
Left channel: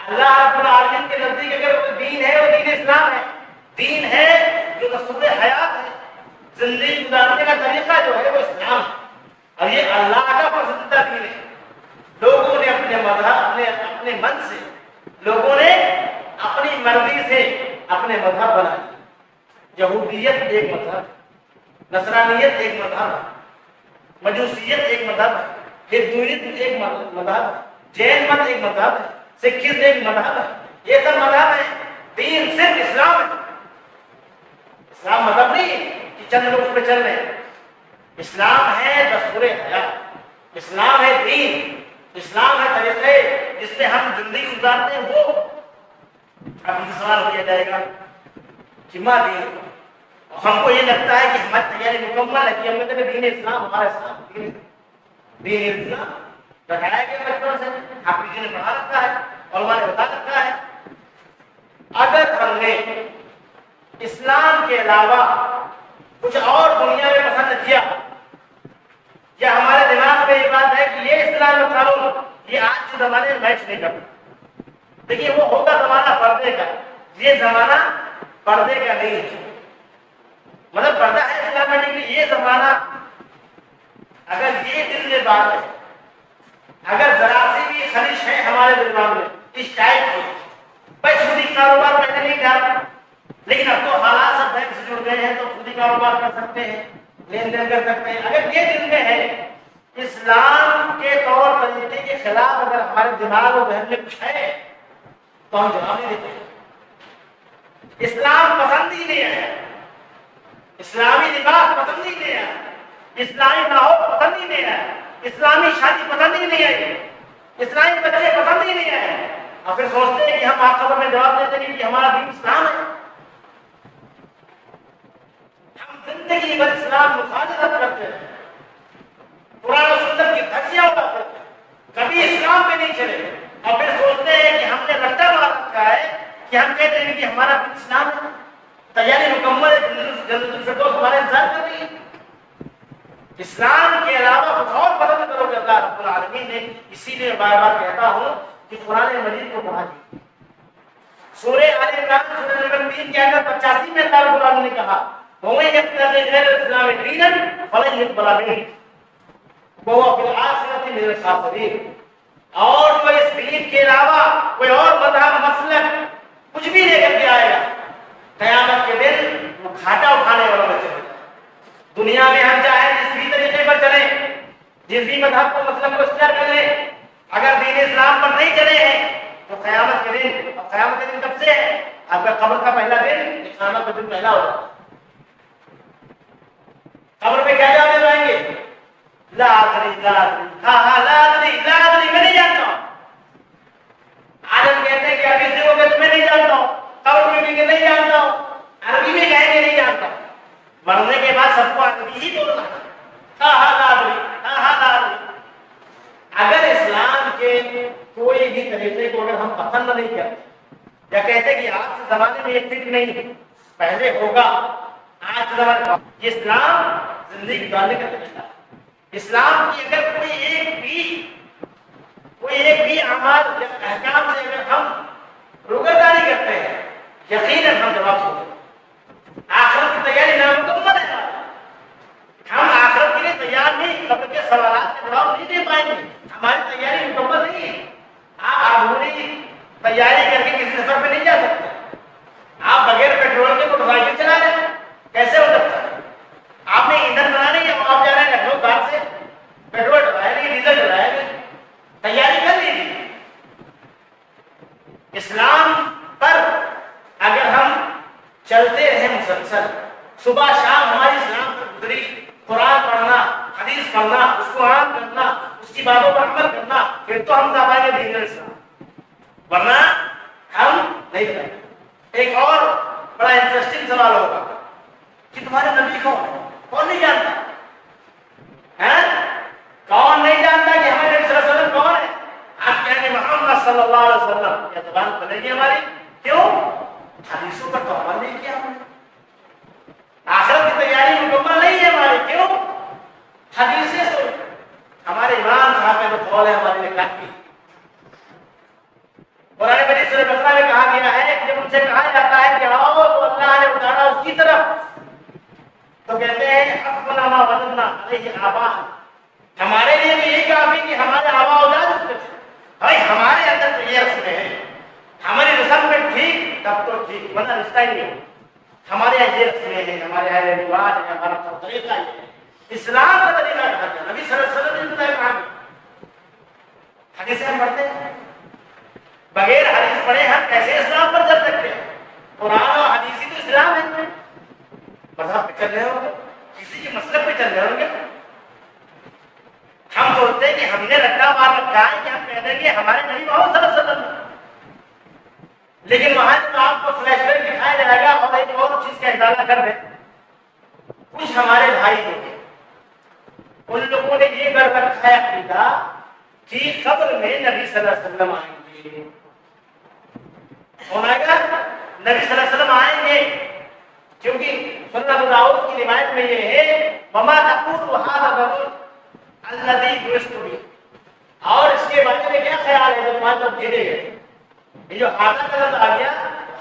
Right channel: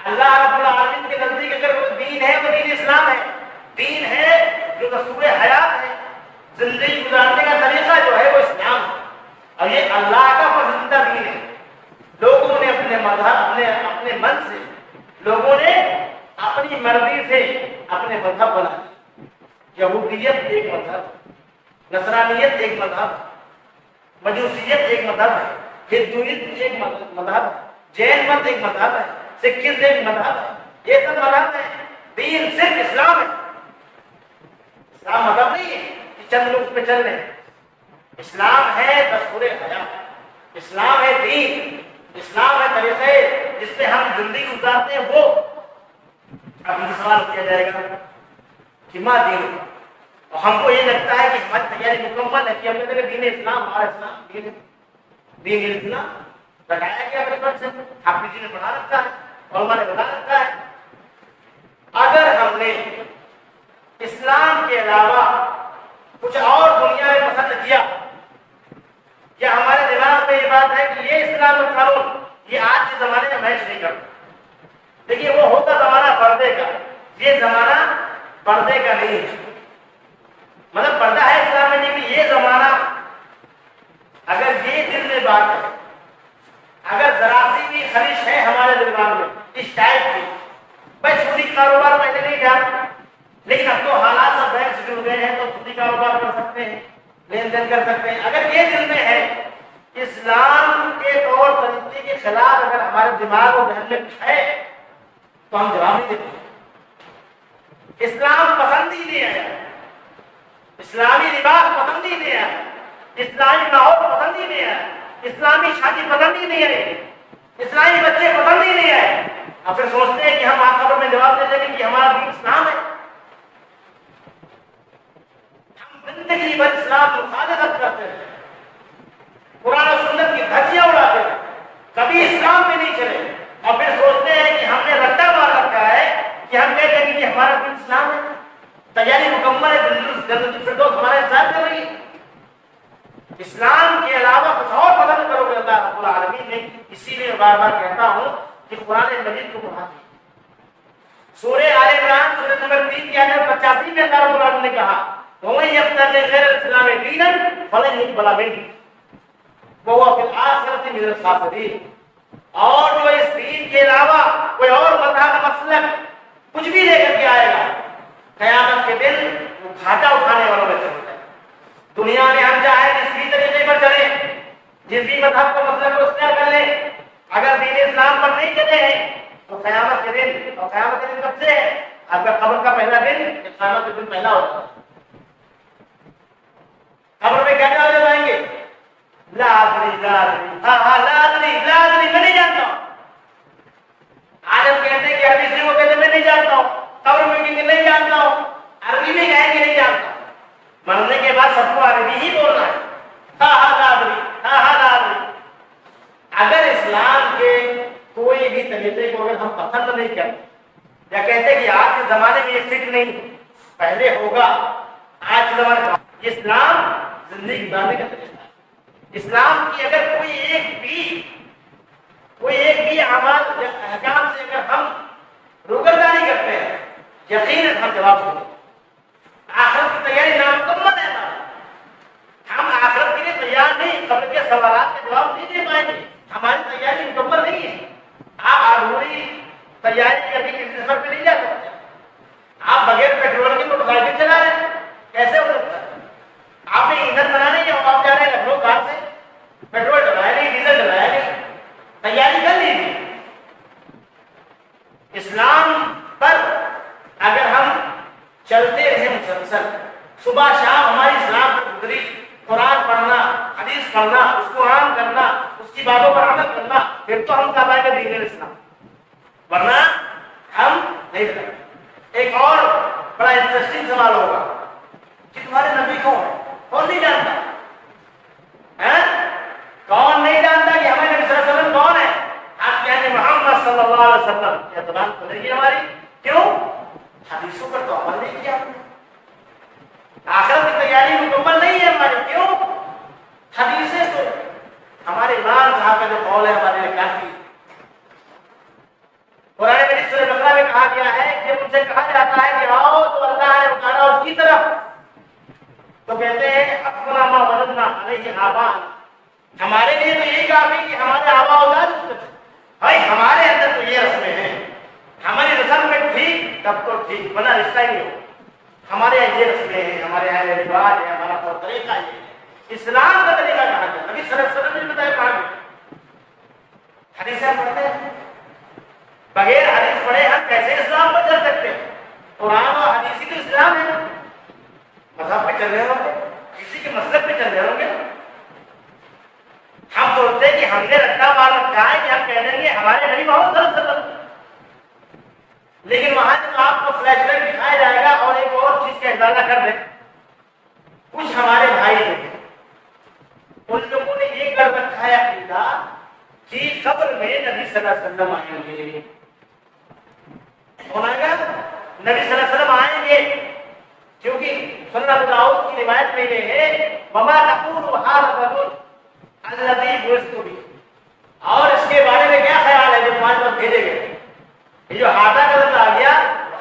اللہ رب العالمین کے نزدیک اگر کوئی دین ہے وہ دین اسلام ہے، دین ہے جو دستور حیات ہے، زندگی گزارنے کا طریقہ جو ہے وہ اسلام ہے، اور یہ اللہ کا پسندیدہ دین ہے۔ لوگوں نے اپنے مذہب اپنے من سے، لوگوں نے اپنی مرضی سے اپنے مذہب بنا لیے۔ یہودیت ایک مذہب ہے، نصرانیت ایک مذہب ہے، مجوسیت ایک مذہب ہے، ہندوئزم ایک مذہب ہے، جین مت ایک مذہب ہے، سکھزم ایک مذہب ہے، یہ سب مذہب ہے، دین صرف اسلام ہے۔ اسلام مذہب نہیں ہے کہ چند لوگ اس پہ چل رہے ہیں، اسلام ہے دستور حیات، اسلام ہے دین، اسلام ہے طریقے جس پہ ہم زندگی گزارتے ہیں وہ۔ اب ہم سے سوال کیا جائے گا کہ ماں دین، اور ہم کو یہ لگتا ہے کہ ہماری تیاری مکمل ہے کہ ہم نے کہا دین اسلام ہمارا اسلام دین اسلام بتایا گیا بچپن سے، حافظ جی نے پڑھا رکھا ہے، علماء نے بتا رکھا ہے۔ اگر ہم نے اسلام کے علاوہ کچھ اور دنیا میں پسند کیا، یا ہمارے دماغ میں یہ بات ہے کہ یہ اسلام کا قانون یہ آج کے زمانے میں میچ نہیں کرتا، دیکھیے وہ ہوتا زمانہ پردے کا، یہ زمانہ پردے کا نہیں ہے، مطلب پردہ ہے اسلام میں، لیکن یہ زمانہ اگر یہ دل میں بات ہے، اگر ذرا سی بھی خلش ہے ہمارے دماغ میں اس ٹائپ کی، بھائی سودی کاروبار پہلے نہیں تھا لیکن اب تو حالات سب بینک سے جڑ گئے ہیں تو سودی کاروبار کر سکتے ہیں، لین دین کر سکتے ہیں، اگر یہ دل میں ہے اسلام کے طور طریقے کے خلاف اگر ہمارے دماغ اور ذہن میں کچھ ہے تو ہم جواب نہیں دیتے۔ اسلام پسند ہی نہیں آیا، اسلامی لباس پسند ہی نہیں آیا، اسلامی ماحول پسند ہی نہیں آیا، اسلامی شادی پسند ہی نہیں آئی، اسلامی بچے پسند ہی نہیں آئے، اور پھر سوچتے ہیں کہ ہم آخر میں جواب دے دیں گے کہ ہمارا دین اسلام ہے۔ ہم زندگی بھر اسلام مخالفت کرتے ہیں، قرآن و سنت کی دھجیاں اڑاتے ہیں، کبھی اسلام پہ نہیں چلے، اور پھر سوچتے ہیں کہ ہم نے رٹا مار رکھا ہے کہ ہم کہتے ہیں کہ ہمارا دین اسلام ہے، تیاری مکمل ہے، جنت الفردوس ہمارا انتظار کر رہی ہے۔ اسلام کے علاوہ کچھ اور پسند کرو گے اللہ رب العالمین نے، اسی لیے بار بار کہتا ہوں کہ قرآن مجید کو پڑھا دیجیے۔ سورہ آل عمران سورہ نمبر 3 کی آیت 85 میں اللہ رب العالمین نے کہا وَمَن يَبْتَغِ غَيْرَ الْإِسْلَامِ دِينًا فَلَن يُقْبَلَ مِنْهُ وَهُوَ فِي الْآخِرَةِ مِنَ الْخَاسِرِينَ۔ اور جو اس دین کے علاوہ کوئی اور مذہب مسلک کچھ بھی لے کر کے آئے گا، قیامت کے دن وہ گھاٹا اٹھانے والوں میں سے ہو جائے۔ دنیا میں ہم چاہیں جس بھی طریقے پر چلیں، جس بھی مذہب کو مسلک کو اختیار کر لیں، اگر دین اسلام پر نہیں چلے ہیں تو قیامت کے دن، اور قیامت کے دن کب سے ہے؟ آپ کا قبر کا پہلا دن، قیامت کے دن پہلا ہو جائے۔ قبر میں کیا جواب دے پائیں گے؟ لا ادری لا ادری، ہاں لا ادری لا ادری، میں نہیں جانتا ہوں۔ آج ہم کہتے ہیں کہ عربی سے وہ کہتے ہیں میں نہیں جانتا ہوں، قبر میں کہیں گے نہیں جانتا ہوں، عربی میں کہیں گے نہیں جانتا ہوں۔ مرنے کے بعد سب کو عربی ہی بولنا ہے، ہاں لا ادری، ہاں لا ادری۔ اگر اسلام کے کوئی بھی طریقے کو اگر ہم پسند نہیں کرتے یا کہتے کہ آج کے زمانے میں یہ فٹ نہیں، پہلے ہوگا، آج کے زمانے میں یہ اسلام زندگی گزارنے کا طریقہ ہے۔ اسلام کی اگر کوئی ایک بھی اعمال یا احکام سے اگر ہم روگردانی کرتے ہیں، یقیناً ہم جواب دیں گے۔ آخرت کی تیاری نامکمل ہے ہماری، ہم آخرت کے لیے تیار نہیں، قبر کے سوالات کے جواب نہیں دے پائیں گے، ہماری تیاری مکمل نہیں ہے۔ آپ ادھوری تیاری کر کے کسی سفر پہ نہیں جا سکتے، آپ بغیر پیٹرول کے موٹر سائیکل چلا رہے ہیں، کیسے ہو سکتا ہے؟ آپ نے ایندھن بنانا ہے، آپ جا رہے ہیں لکھنؤ کار سے، پیٹرول ڈلایا نہیں، ڈیزل ڈلایا نہیں، تیاری کر لیجیے۔ اسلام پر اگر ہم چلتے رہے مسلسل، صبح شام ہماری اسلام پر گزری، قرآن پڑھنا، حدیث پڑھنا، اس کو عام کرنا، اس کی باتوں پر عمل کرنا، پھر تو ہم کہہ پائیں گے دین اسلام، ورنہ ہم نہیں کریں۔ ایک اور بڑا انٹرسٹنگ سوال ہوگا کہ تمہارے نبی کون ہے؟ کون نہیں جانتا ہے؟ کون نہیں جانتا کہ ہمیں نبی صلی اللہ علیہ وسلم کون ہے؟ آپ کہیں گے محمد صلی اللہ علیہ وسلم، یہ زبان کھلے گی ہماری. کیوں؟ حدیثوں پر تو عمل نہیں کیا ہم نے. آخرت کی تیاری مکمل نہیں ہے ہماری. کیوں؟ حدیثیں تو ہمارے امام صاحب کا جو قول ہے ہمارے لیے کافی. قرآن مجید سورہ بقرہ میں کہا گیا ہے کہ جب ان سے کہا جاتا ہے کہ آؤ تو اللہ نے اتارا اس کی طرف، تو کہتے ہیں حسبنا ما وجدنا علیہ آباءنا، ہمارے لیے تو یہی کافی کہ ہمارے آباء و اجداد اس پہ تھے. بھائی ہمارے اندر تو یہ رسمیں ہیں، ہماری رسم میں ٹھیک تب تو ٹھیک، ورنہ رشتہ ہی نہیں ہو. ہمارے یہاں یہ رسمیں ہیں، ہمارے یہاں یہ رواج ہے، ہمارا طور طریقہ یہ ہے. اسلام کا طریقہ کہا گیا، نبی صلی اللہ علیہ وسلم نے بتایا کہا گیا. حدیثیں ہم پڑھتے ہیں، بغیر حدیث پڑھے ہم کیسے اسلام پر چل سکتے ہیں؟ قرآن اور حدیث ہی تو اسلام ہے. مذہب پہ چل رہے ہوں گے، کسی کے مسلک پہ چل رہے ہوں گے. ہم سوچتے ہیں کہ ہم نے رٹا مار رکھا ہے کہ ہم کہہ دیں گے ہمارے نبی محمد صلی اللہ علیہ وسلم، لیکن وہاں جب آپ کو فلیش بیک دکھایا جائے گا اور ایک اور چیز کا اضافہ کر دیں، کچھ ہمارے بھائی جو ہیں ان لوگوں نے یہ کر رکھا ہے عقیدہ کہ قبر میں نبی صلی اللہ علیہ وسلم آئیں گے. کون آئے گا؟ نبی صلی اللہ علیہ وسلم آئیں گے، کیونکہ سنن ابو داؤد کی روایت میں یہ ہے وما تقول هذا الرجل الذي بعثت به، اور اس کے بارے میں کیا خیال ہے جو تمہارے پاس بھیجے گئے. یہ جو ہاذا کا لفظ آ گیا،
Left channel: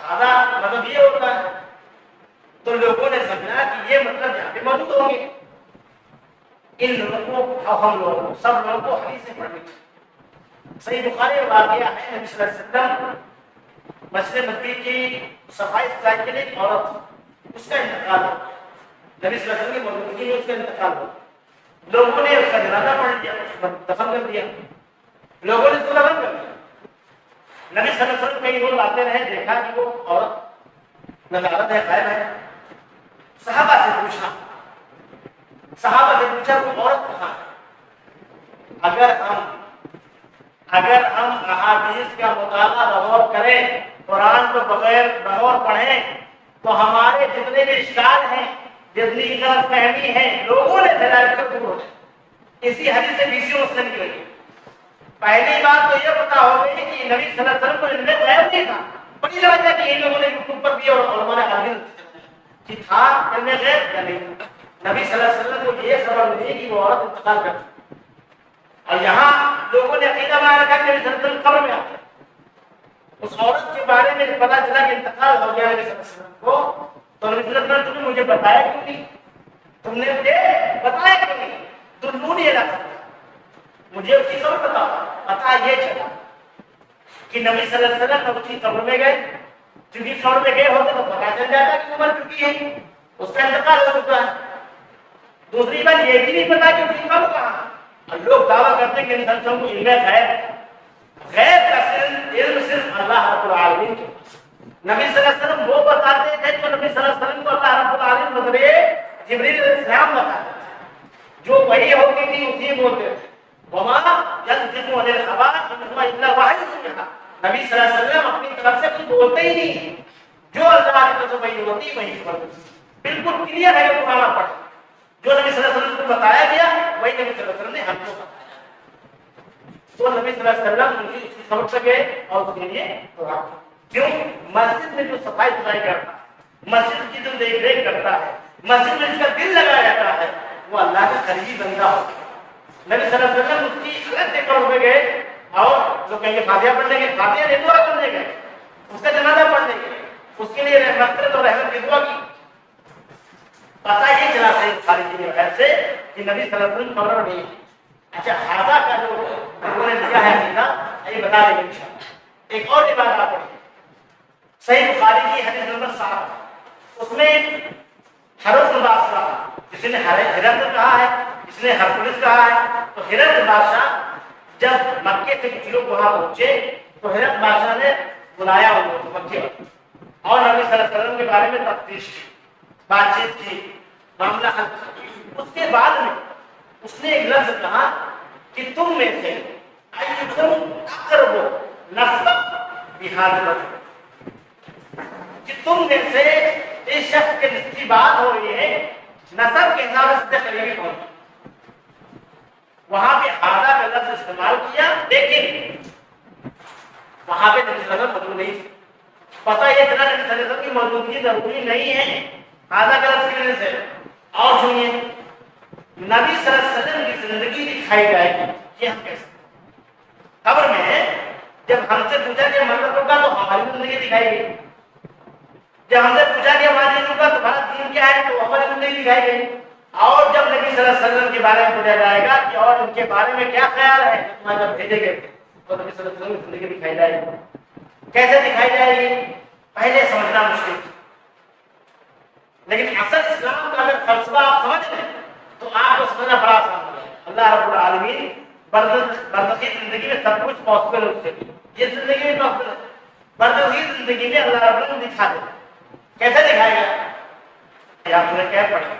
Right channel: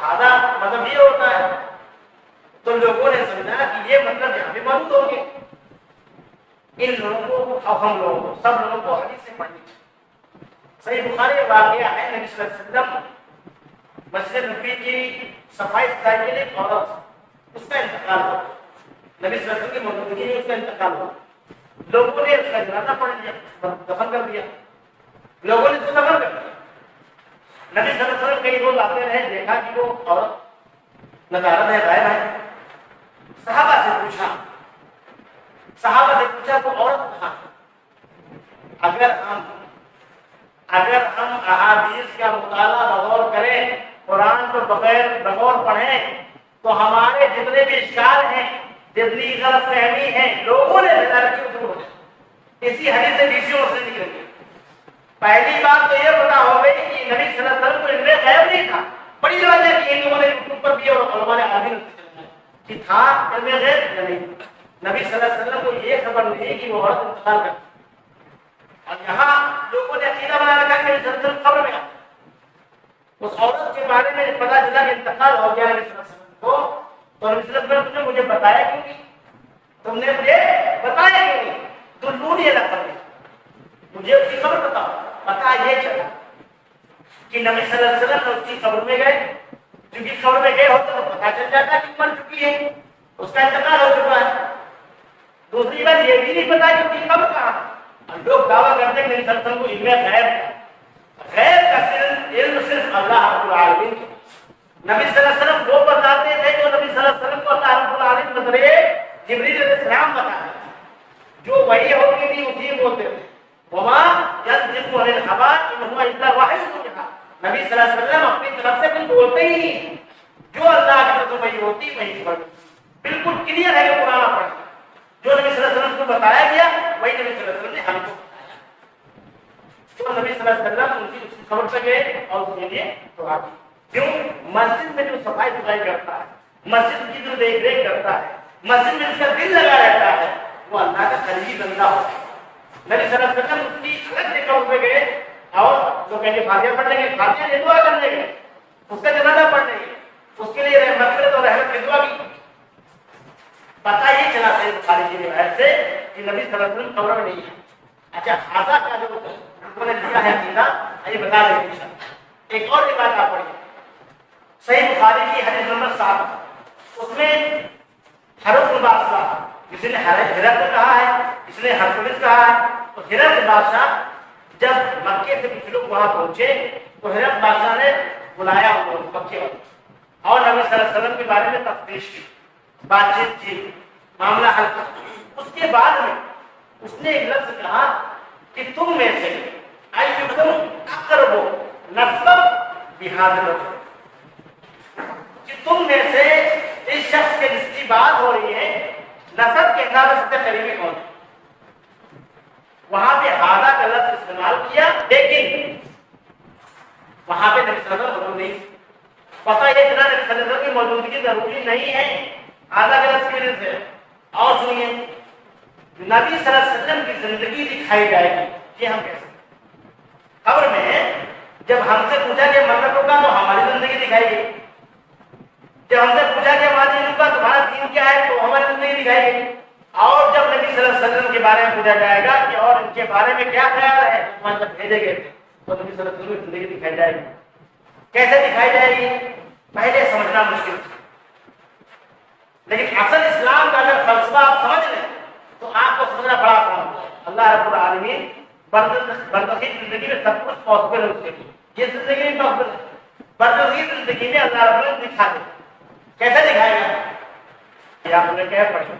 ہاذا مطلب یہ ہوتا ہے. تو لوگوں نے سمجھا کہ یہ مطلب یہاں پہ موجود ہوں گے. ان لوگوں کو، ہم لوگوں کو، سب لوگوں کو حدیثیں پڑھنی چاہیے. صحیح بخاری میں واقعہ ہے، نبی صلی اللہ علیہ وسلم مسجد نبوی کی صفائی ستھرائی کے لیے ایک عورت، اس کا انتقال ہو. نبی صلی اللہ علیہ وسلم کی موجودگی میں اس کا انتقال ہو. لوگوں نے اس کا جنازہ پڑھ لیا، دفن کر دیا. لوگوں نے اس کو دفن کر دیا. نبی صلی اللہ علیہ وسلم کئی روز آتے رہے، دیکھا کہ وہ عورت نظارت ہے، غائب ہے. صحابہ سے پوچھا وہ عورت کہاں ہے؟ اگر ہم احادیث کا مطالعہ بغور کریں، قرآن کو بغور پڑھیں، تو ہمارے جتنے بھی اشکال ہیں، جتنی غلط فہمی ہے، لوگوں نے دلال کیوں دور ہو جائے. اسی حدیث سے 20 مسئلے نکلے گی. پہلی بات تو یہ پتا ہو گئی کہ نبی صلی اللہ علیہ وسلم کو علم غیب نہیں تھا. بڑی وجہ کہ ان لوگوں نے یوٹیوب پر بھی اور علماء نے عالمین کہ تھا علم غیب یا نہیں. نبی صلی اللہ علیہ وسلم کو یہ خبر نہیں کہ وہ عورت انتقال کر. اور یہاں لوگوں نے عقیدہ بنا رکھا کہ نبی صلی اللہ علیہ وسلم قبر میں آتے. اس عورت کے بارے میں پتا چلا کہ انتقال ہو گیا نبی صلی اللہ علیہ وسلم کو، تو نبی صلی اللہ علیہ وسلم تم نے مجھے بتایا کیوں نہیں؟ تم نے مجھے بتایا کیوں نہیں؟ دلونی الی قبر، مجھے اس کی قبر بتاؤ. پتا یہ چلا کہ نبی صلی اللہ علیہ وسلم اس کی قبر میں گئے. کیونکہ قبر میں گئے ہوتے تو پتا چل جاتا کہ وہ مر چکی ہے، اس کا انتقال ہو چکا ہے. دوسری بات یہ بھی نہیں پتا کہ اس کی قبر کہاں ہے. اور لوگ دعویٰ کرتے ہیں کہ نبی صلی اللہ علیہ وسلم کو علم غیب کا علم صرف اللہ رب العالمین کے. نبی صلی اللہ علیہ وسلم وہ بتاتے تھے جو نبی صلی اللہ علیہ وسلم کو اللہ رب العالمین بذریعے جبریل علیہ السلام بتاتے تھے. جو وحی ہوتی تھی اسی بولتے تھے. وما ينطق عن الهوى ان هو الا وحی یوحى. نبی صلی اللہ علیہ وسلم اپنی طرف سے کچھ بولتے ہی نہیں، جو اللہ کی طرف سے وحی ہوتی وہی خبر. بالکل کلیئر ہے کہ قرآن پڑھ جو نبی صلی اللہ علیہ وسلم کو بتایا گیا وہی نبی صلی اللہ علیہ وسلم نے ہم کو بتایا. تو نبی صلی اللہ علیہ وسلم ان کی خبر سے گئے اور اس کے لیے دعا کی. کیوں؟ مسجد میں جو صفائی ستھرائی کرتا ہے، مسجد کی جو دیکھ ریکھ کرتا ہے، مسجد میں جس کا دل لگا رہتا ہے، وہ اللہ کا قریبی بندہ ہوتا ہے. نبی صلی اللہ علیہ وسلم اس کی الگ دیکھ کر پہ گئے اور لوگ کہیں گے فاتحہ پڑھنے گئے، فاتحہ نہیں دعا کرنے گئے، اس کا جنازہ پڑھنے گئے، اس کے لیے مغفرت اور رحمت کی دعا کی. پتہ یہ چلا صحیح بخاری کی روایت سے کہ نبی صلی اللہ علیہ وسلم قبر میں نہیں ہے. اچھا حاضہ کا جو لوگوں نے دیا ہے عقیدہ یہ بتا دیں گے انشاءاللہ. ایک اور روایت آپ پڑھیے صحیح بخاری کی حدیث نمبر 7، اس میں ہرقل بادشاہ، کسی نے ہرقل کہا ہے، کسی نے ہرقلس کہا ہے. تو ہرقل بادشاہ جب مکے سے کچھ لوگ وہاں پہنچے تو ہرقل بادشاہ نے بلایا ان لوگوں کو مکے والوں اور نبی صلی اللہ علیہ وسلم کے بارے میں تفتیش کی، بات چیت کی، معاملہ حل کیا. اس کے بعد میں اس نے ایک لفظ کہا کہ تم میں سے ایکم اقرب نسب بہذا الرجل، کہ تم میں سے اس شخص کے جس کی بات ہو رہی ہے نسب کے حساب سے سب سے قریبی کون ہے؟ وہاں پہ ہاذا کا لفظ استعمال کیا، لیکن وہاں پہ نبی صلی اللہ علیہ وسلم موجود نہیں، پتہ یہ چلا نبی صلی اللہ علیہ وسلم کی موجودگی ضروری نہیں ہے ہاذا کا لفظ کی وجہ سے۔ اور سنیے، نبی صلی اللہ علیہ وسلم کی زندگی دکھائی جائے گی، یہ ہم کہہ سکتے ہیں۔ قبر میں جب ہم سے پوچھا کہ مرتب کا تو ہماری زندگی دکھائی گئی، جب ہم سے پوچھا کہ ہمارے دین کا تمہارا دین کیا ہے تو ہماری زندگی دکھائی گئی، اور جب نبی صلی اللہ علیہ وسلم کے بارے میں پوچھا جائے گا کہ اور ان کے بارے میں کیا خیال ہے جو تمہارے جب بھیجے گئے تھے، تو نبی صلی اللہ علیہ وسلم کی زندگی دکھائی جائے گی۔ کیسے دکھائی جائے گی پہلے سمجھنا مشکل تھا، لیکن اصل اسلام کا اگر فلسفہ آپ سمجھ لیں تو آپ کو سمجھنا بڑا آسان ہو جائے گا۔ اللہ رب العالمین برزخی زندگی میں سب کچھ پاسبل ہے، اس کے لیے یہ زندگی میں پاسبل ہے، برزخی زندگی میں اللہ رب العالمین دکھا دے۔ کیسے دکھائے گا؟ یہ آپ سورہ کہف پڑھیں،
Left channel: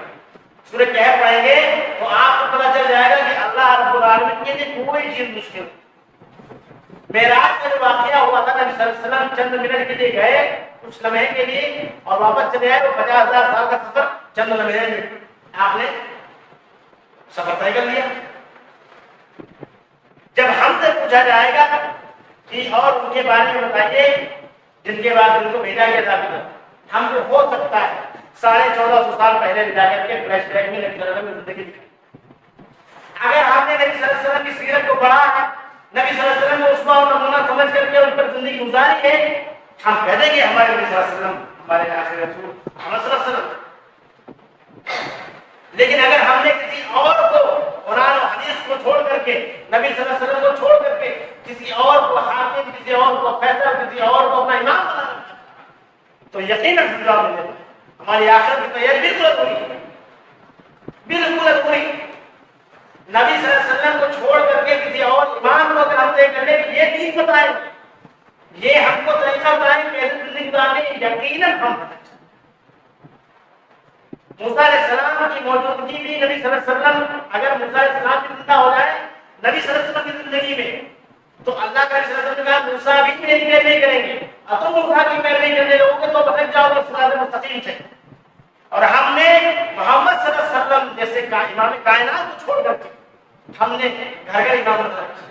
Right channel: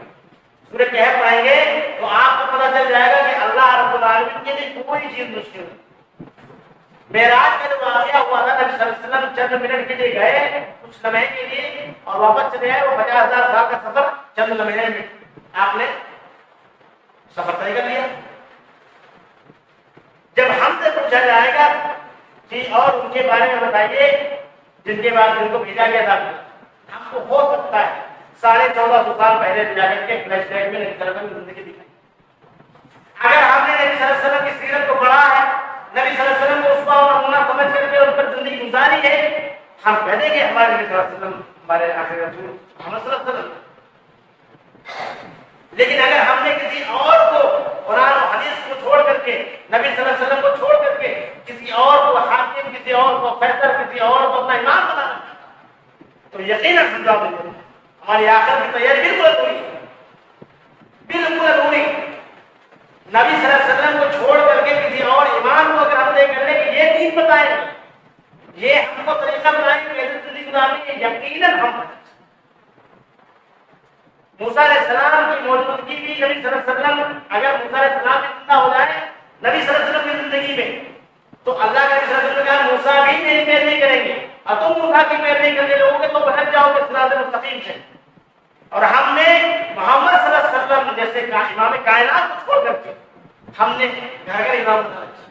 سورہ کہف پڑھیں گے تو آپ کو پتہ چل جائے گا کہ اللہ رب العالمین کے لیے کوئی چیز مشکل نہیں۔ معراج کا جو واقعہ ہوا تھا، نبی صلی اللہ علیہ وسلم چند منٹ کے لیے گئے، کچھ لمحے کے لیے، اور واپس چلے آئے۔ وہ 50,000 سال کا سفر چند لمحے میں آپ نے سفر طے کر لیا۔ جب ہم سے پوچھا جائے گا کہ اور ان کے بارے میں بتائیے جن کے بعد جن کو بھیجا گیا تھا، ہم کو ہو سکتا ہے 1450 سال پہلے جا کر کے فلیش بیک میں نبی صلی اللہ علیہ وسلم کی زندگی دکھائی۔ اگر ہم نے نبی صلی اللہ علیہ وسلم کی سیرت کو پڑھا ہے، نبی صلی اللہ علیہ وسلم کو اسوہ و نمونہ سمجھ کر کے ان پر زندگی گزاری ہے، ہم کہہ دیں گے ہمارے نبی صلی اللہ علیہ وسلم ہمارے آخری رسول محمد صلی اللہ علیہ وسلم۔ لیکن اگر ہم نے کسی اور کو قرآن و حدیث کو چھوڑ کر کے، نبی صلی اللہ علیہ وسلم کو چھوڑ کر کے کسی اور کو حاکم، کسی اور کو فیصل، کسی اور کو اپنا امام بنا رکھا تو یقیناً سمجھا دیں گے ہماری آخرت کی تیاری بالکل ادھوری ہے، بالکل ادھوری۔ نبی صلی اللہ علیہ وسلم کو چھوڑ کر کے کسی اور امام کو اگر ہم طے کر لیں کہ یہ دین بتائیں، یہ ہم کو طریقہ بتائیں کیسے زندگی گزارنی ہے، یقیناً ہم بھٹک جائیں۔ موسیٰ علیہ السلام کی موجودگی بھی نبی صلی اللہ علیہ وسلم، اگر موسیٰ علیہ السلام بھی زندہ ہو جائے نبی صلی اللہ علیہ وسلم کی زندگی میں، تو اللہ کے نبی صلی اللہ علیہ وسلم نے کہا موسیٰ بھی میری پیروی کریں گے، اور تم موسیٰ کی پیروی کرنے لوگوں گے تو بھٹک جاؤ گے صراط مستقیم سے۔ اور ہم نے محمد صلی اللہ علیہ وسلم جیسے امام کائنات کو چھوڑ کر کے ہم نے گھر گھر امام بنا رکھا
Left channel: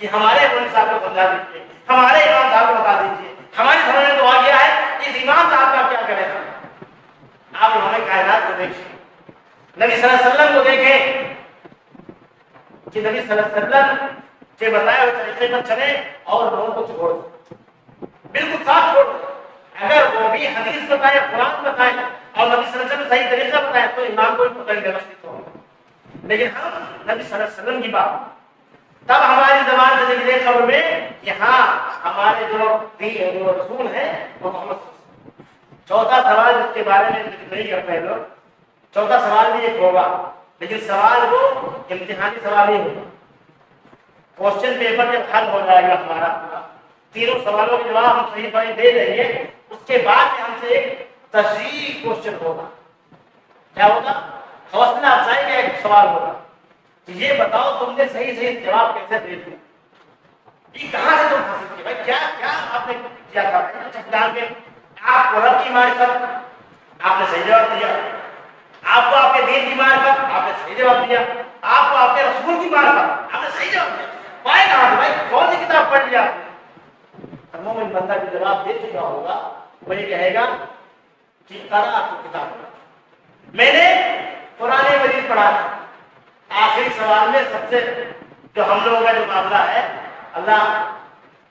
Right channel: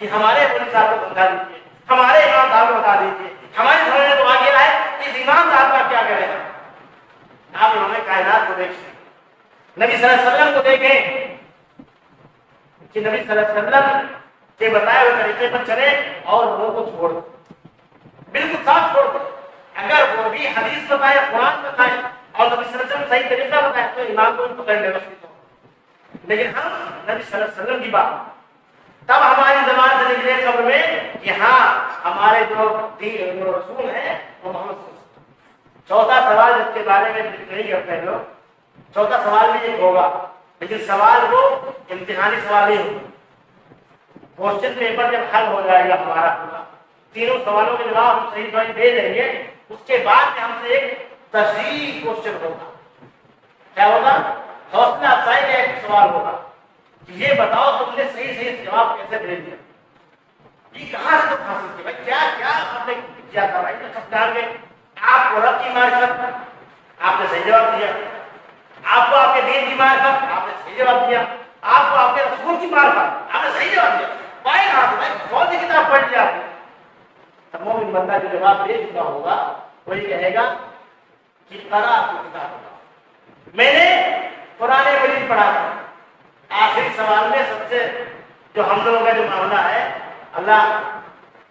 کہ ہمارے مولوی صاحب کو سمجھا دیجیے، ہمارے امام صاحب کو بتا دیجیے، ہماری سمجھ میں تو آ گیا ہے اس امام صاحب کا کیا کرے گا۔ آپ امام کائنات کو دیکھیں، نبی صلی اللہ علیہ وسلم کو دیکھیں کہ نبی صلی اللہ علیہ وسلم کے بتائے ہوئے طریقے پر چلے اور لوگوں کو چھوڑ دیں، بالکل صاف چھوڑ دیں۔ اگر وہ بھی حدیث بتائے، قرآن بتائے اور نبی صلی اللہ علیہ وسلم صحیح طریقہ بتائے تو امام کو بھی پکڑ لے وقتی تو، لیکن ہم نبی صلی اللہ علیہ وسلم کی بات تب ہماری زبان سے نکلے قبر میں کہ ہاں ہمارے جو رسول ہیں وہ محمد صلی اللہ علیہ وسلم۔ چوتھا سوال جس کے بارے میں ذکر نہیں کرتے ہیں لوگ، چوتھا سوال بھی ایک ہوگا، لیکن سوال وہ امتحانی سوال نہیں ہوگا۔ کوشچن پیپر جب حل ہو جائے گا ہمارا پورا، تینوں سوالوں کے جواب ہم صحیح صحیح دے دیں گے، اس کے بعد میں ہم سے ایک تشریحی کوشچن ہوگا۔ کیا ہوگا؟ حوصلہ افزائی کا ایک سوال ہوگا کہ یہ بتاؤ تم نے صحیح صحیح جواب کیسے دے دیا، یہ کہاں سے تم حاصل کیا بھائی، کیا کیا آپ نے کیا تھا بھائی، سب ڈال کے آپ کو رب کی معرفت، آپ نے صحیح جواب دیا، آپ کو آپ کے دین کی معرفت، آپ نے صحیح جواب دیا، آپ کو آپ کے رسول کی معرفت، آپ نے صحیح جواب دیا، پائے کہاں سے بھائی، کون سی کتاب پڑھ لیا آپ نے؟ مومن بندہ جو جواب دے چکا ہوگا وہی کہے گا کہ قرأت کتاب اللہ، میں نے قرآن مجید پڑھا تھا۔ آخری سوال میں سب سے جو ہم لوگوں کا جو معاملہ ہے، اللہ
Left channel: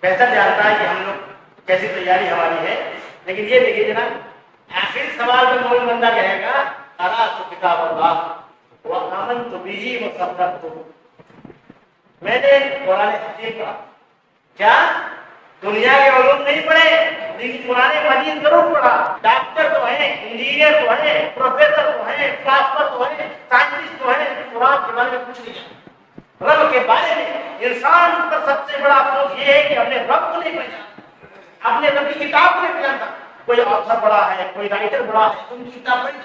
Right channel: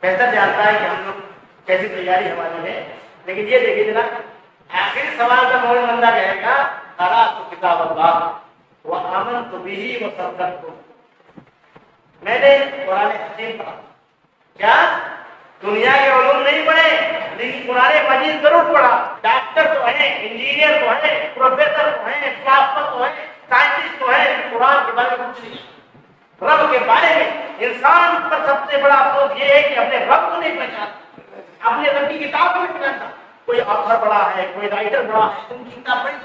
بہتر جانتا ہے کہ ہم لوگ کیسی تیاری ہماری ہے، لیکن یہ دیکھیے جناب، آخری سوال میں مومن بندہ کہے گا قرأت کتاب اللہ وآمنت بہ وصدقت، میں نے قرآن حکیم پڑھا۔ کیا دنیا کے علوم نہیں پڑھے لیکن قرآن مجید ضرور پڑھا؟ ڈاکٹر تو ہیں، انجینئر تو ہیں، پروفیسر تو ہیں، فلاسفر تو ہیں، سائنٹسٹ تو ہیں، لیکن قرآن کے بارے میں کچھ نہیں ہے۔ رب کے بارے میں انسان پر سب سے بڑا افسوس یہ ہے کہ اپنے رب کو نہیں پہچانتا، اپنے رب کی کتاب کو نہیں پہچانتا۔ کوئی آتھر پڑھا ہے، کوئی رائٹر پڑھا ہے، تم کی کتاب پڑھی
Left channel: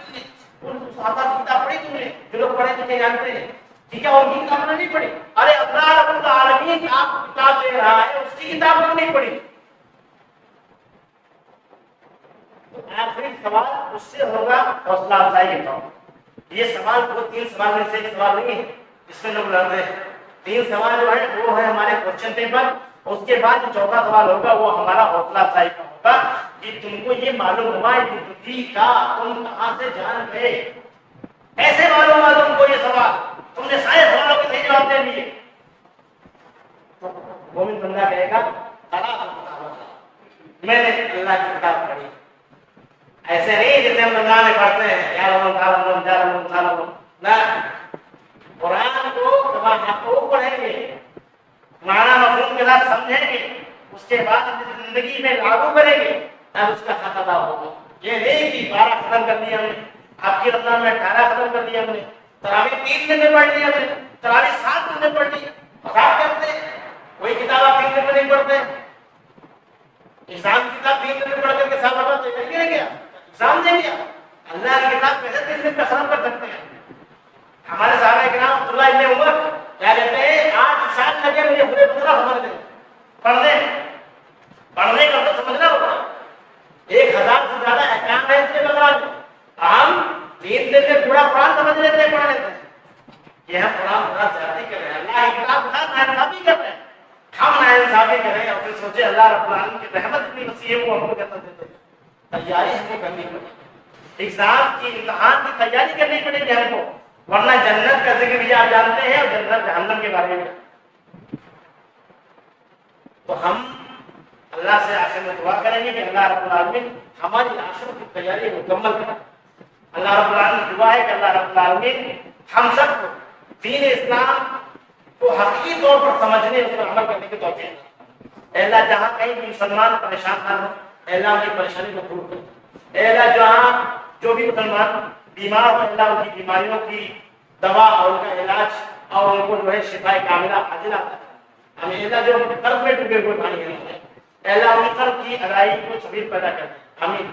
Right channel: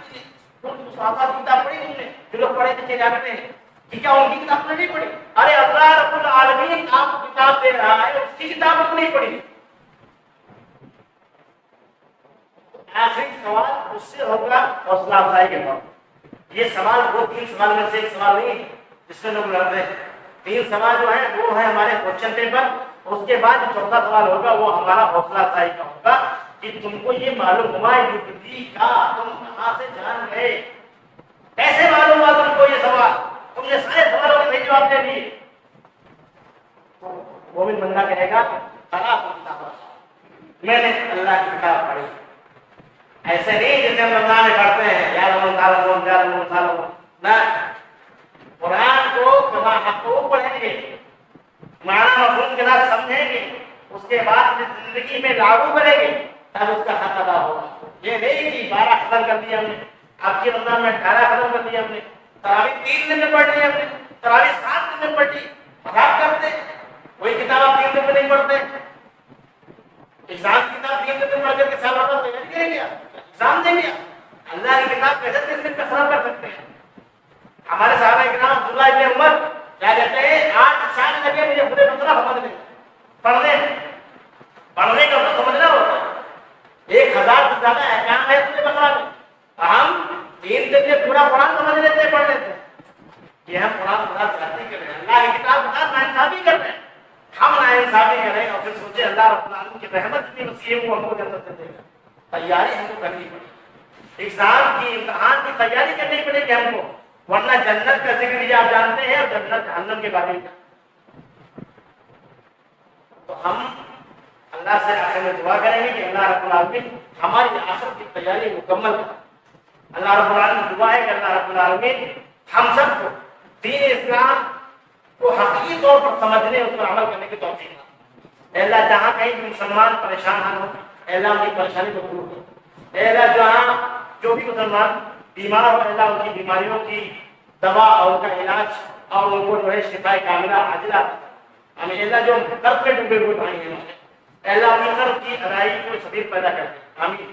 تم نے، اس آتھر کی کتاب پڑھی تم نے؟ جو لوگ پڑھے لکھے جانتے ہیں کہ کیا ان کی کتاب نے نہیں پڑھی؟ ارے اللہ رب العالمین آپ کو کتاب دے رہا ہے، اس کی کتاب کو نہیں پڑھی۔ آخری سوال اس سے ہوگا حوصلہ افزائی کے طور پر، یہ سوال وہ 3 سوال میں سے ایک سوال نہیں ہے جس میں لوگ لڑتے ہیں. 3 سوال جو ہے وہ ہے ہمارے کوشچن پیپر. اس کے بعد جو 4تھا سوال ہوگا وہ ہمارا حوصلہ افزائی کا ہوگا کہ تم کو یہ معلوم ہوا یوٹی کا تم کہاں سے جان گئے, کیسے معلوم ہوا تم کو یہ سوال, تم نے سارے سوالوں کے صحیح جواب دے دیے. تو مومن بندہ کہے گا میں نے اللہ کی کتاب پڑھی. ایسے نہیں جیسے ہم رمضان میں پڑھتے ہیں یا رمضان نہ, قرآن کو کما حق پڑھیں گے, معنی مفہوم کے ساتھ سمجھیں گے, اس کے بعد اپنی زندگی میں لاگو کریں گے تب اس کا حق ادا ہوگا. یہ نہیں کہ 12 ختم کر لیا ہم نے, اب کی رمضان میں 18 ختم کر لیا ہم نے, تراویح 3 دن میں پڑھ لی ہم نے, تراویح 7 دن میں پڑھ لی, مذاق کرتے ہیں. کوئی کتاب آپ 3 دن میں نہیں پڑھتے, ایگزام کی کتاب 3 دن میں پڑھ کر کے سال بھر تیاری کریں گے, ایگزام دیں گے. اللہ کی کتاب کیسے 3 دن میں ختم کر سکتے ہیں؟ ہمارے صحابہ کرام عبداللہ ابن عمر کیا کہتے ہیں 8 سال لگے مجھے پورے بقرہ سمجھنے میں, پڑھنے کا مطلب سمجھنا ہوگا. 1000 سے زیادہ احکام ہے اس بقرہ میں, ہم 3 دن میں پورا قرآن سمجھ لیتے ہیں, پڑھ لیتے ہیں. یہ ہم قرآن پورا زیادتی کر رہے ہیں, اللہ کی کتاب کے ساتھ ناانصافی کر رہے ہیں. ہم ناانصافی کریں اور پھر سوچے اللہ رب العالمین کی رحمت اتنی وسیع ہے وہ ہم کو جنت دے دے گا. تیاری ہم کو کرنی پڑے, ایگزام کی امتحان کی تیاری کرنی پڑے گی ہم کو, ورنہ جنت کا ذکر بھی آپ جانتے ہیں اور جنت جہنم کے بارے میں. تو ہم اللہ سے آخر میں دعا کریں گے کہ اللہ رب العالمین ہماری آخر کی تیاری مکمل کرے. اللہ رب العالمین دعا ہے کہ اللہ رب العالمین ہم سب کو دین اسلام کو حقیقی طور پر سمجھنے اس پر عمل کرنے کی توفیق دے. اے اللہ جہاں کہیں بھی مسلمان پریشان نہ ہو, اے اللہ ان کی پریشانی کو دور کر. اے اللہ جہاں جو بھی مسلمان بیمار ہو, اے اللہ ان کی بیماریوں کی دوا اور ان کا علاج اور ان کو جو ہے شفا کاملہ عاجلہ. ہمیں اے اللہ جو قرض میں ڈوبے ہوئے بھائی ہیں, اے اللہ ان قرض کی ادائیگی کو سبیل پیدا کر دے. آمین.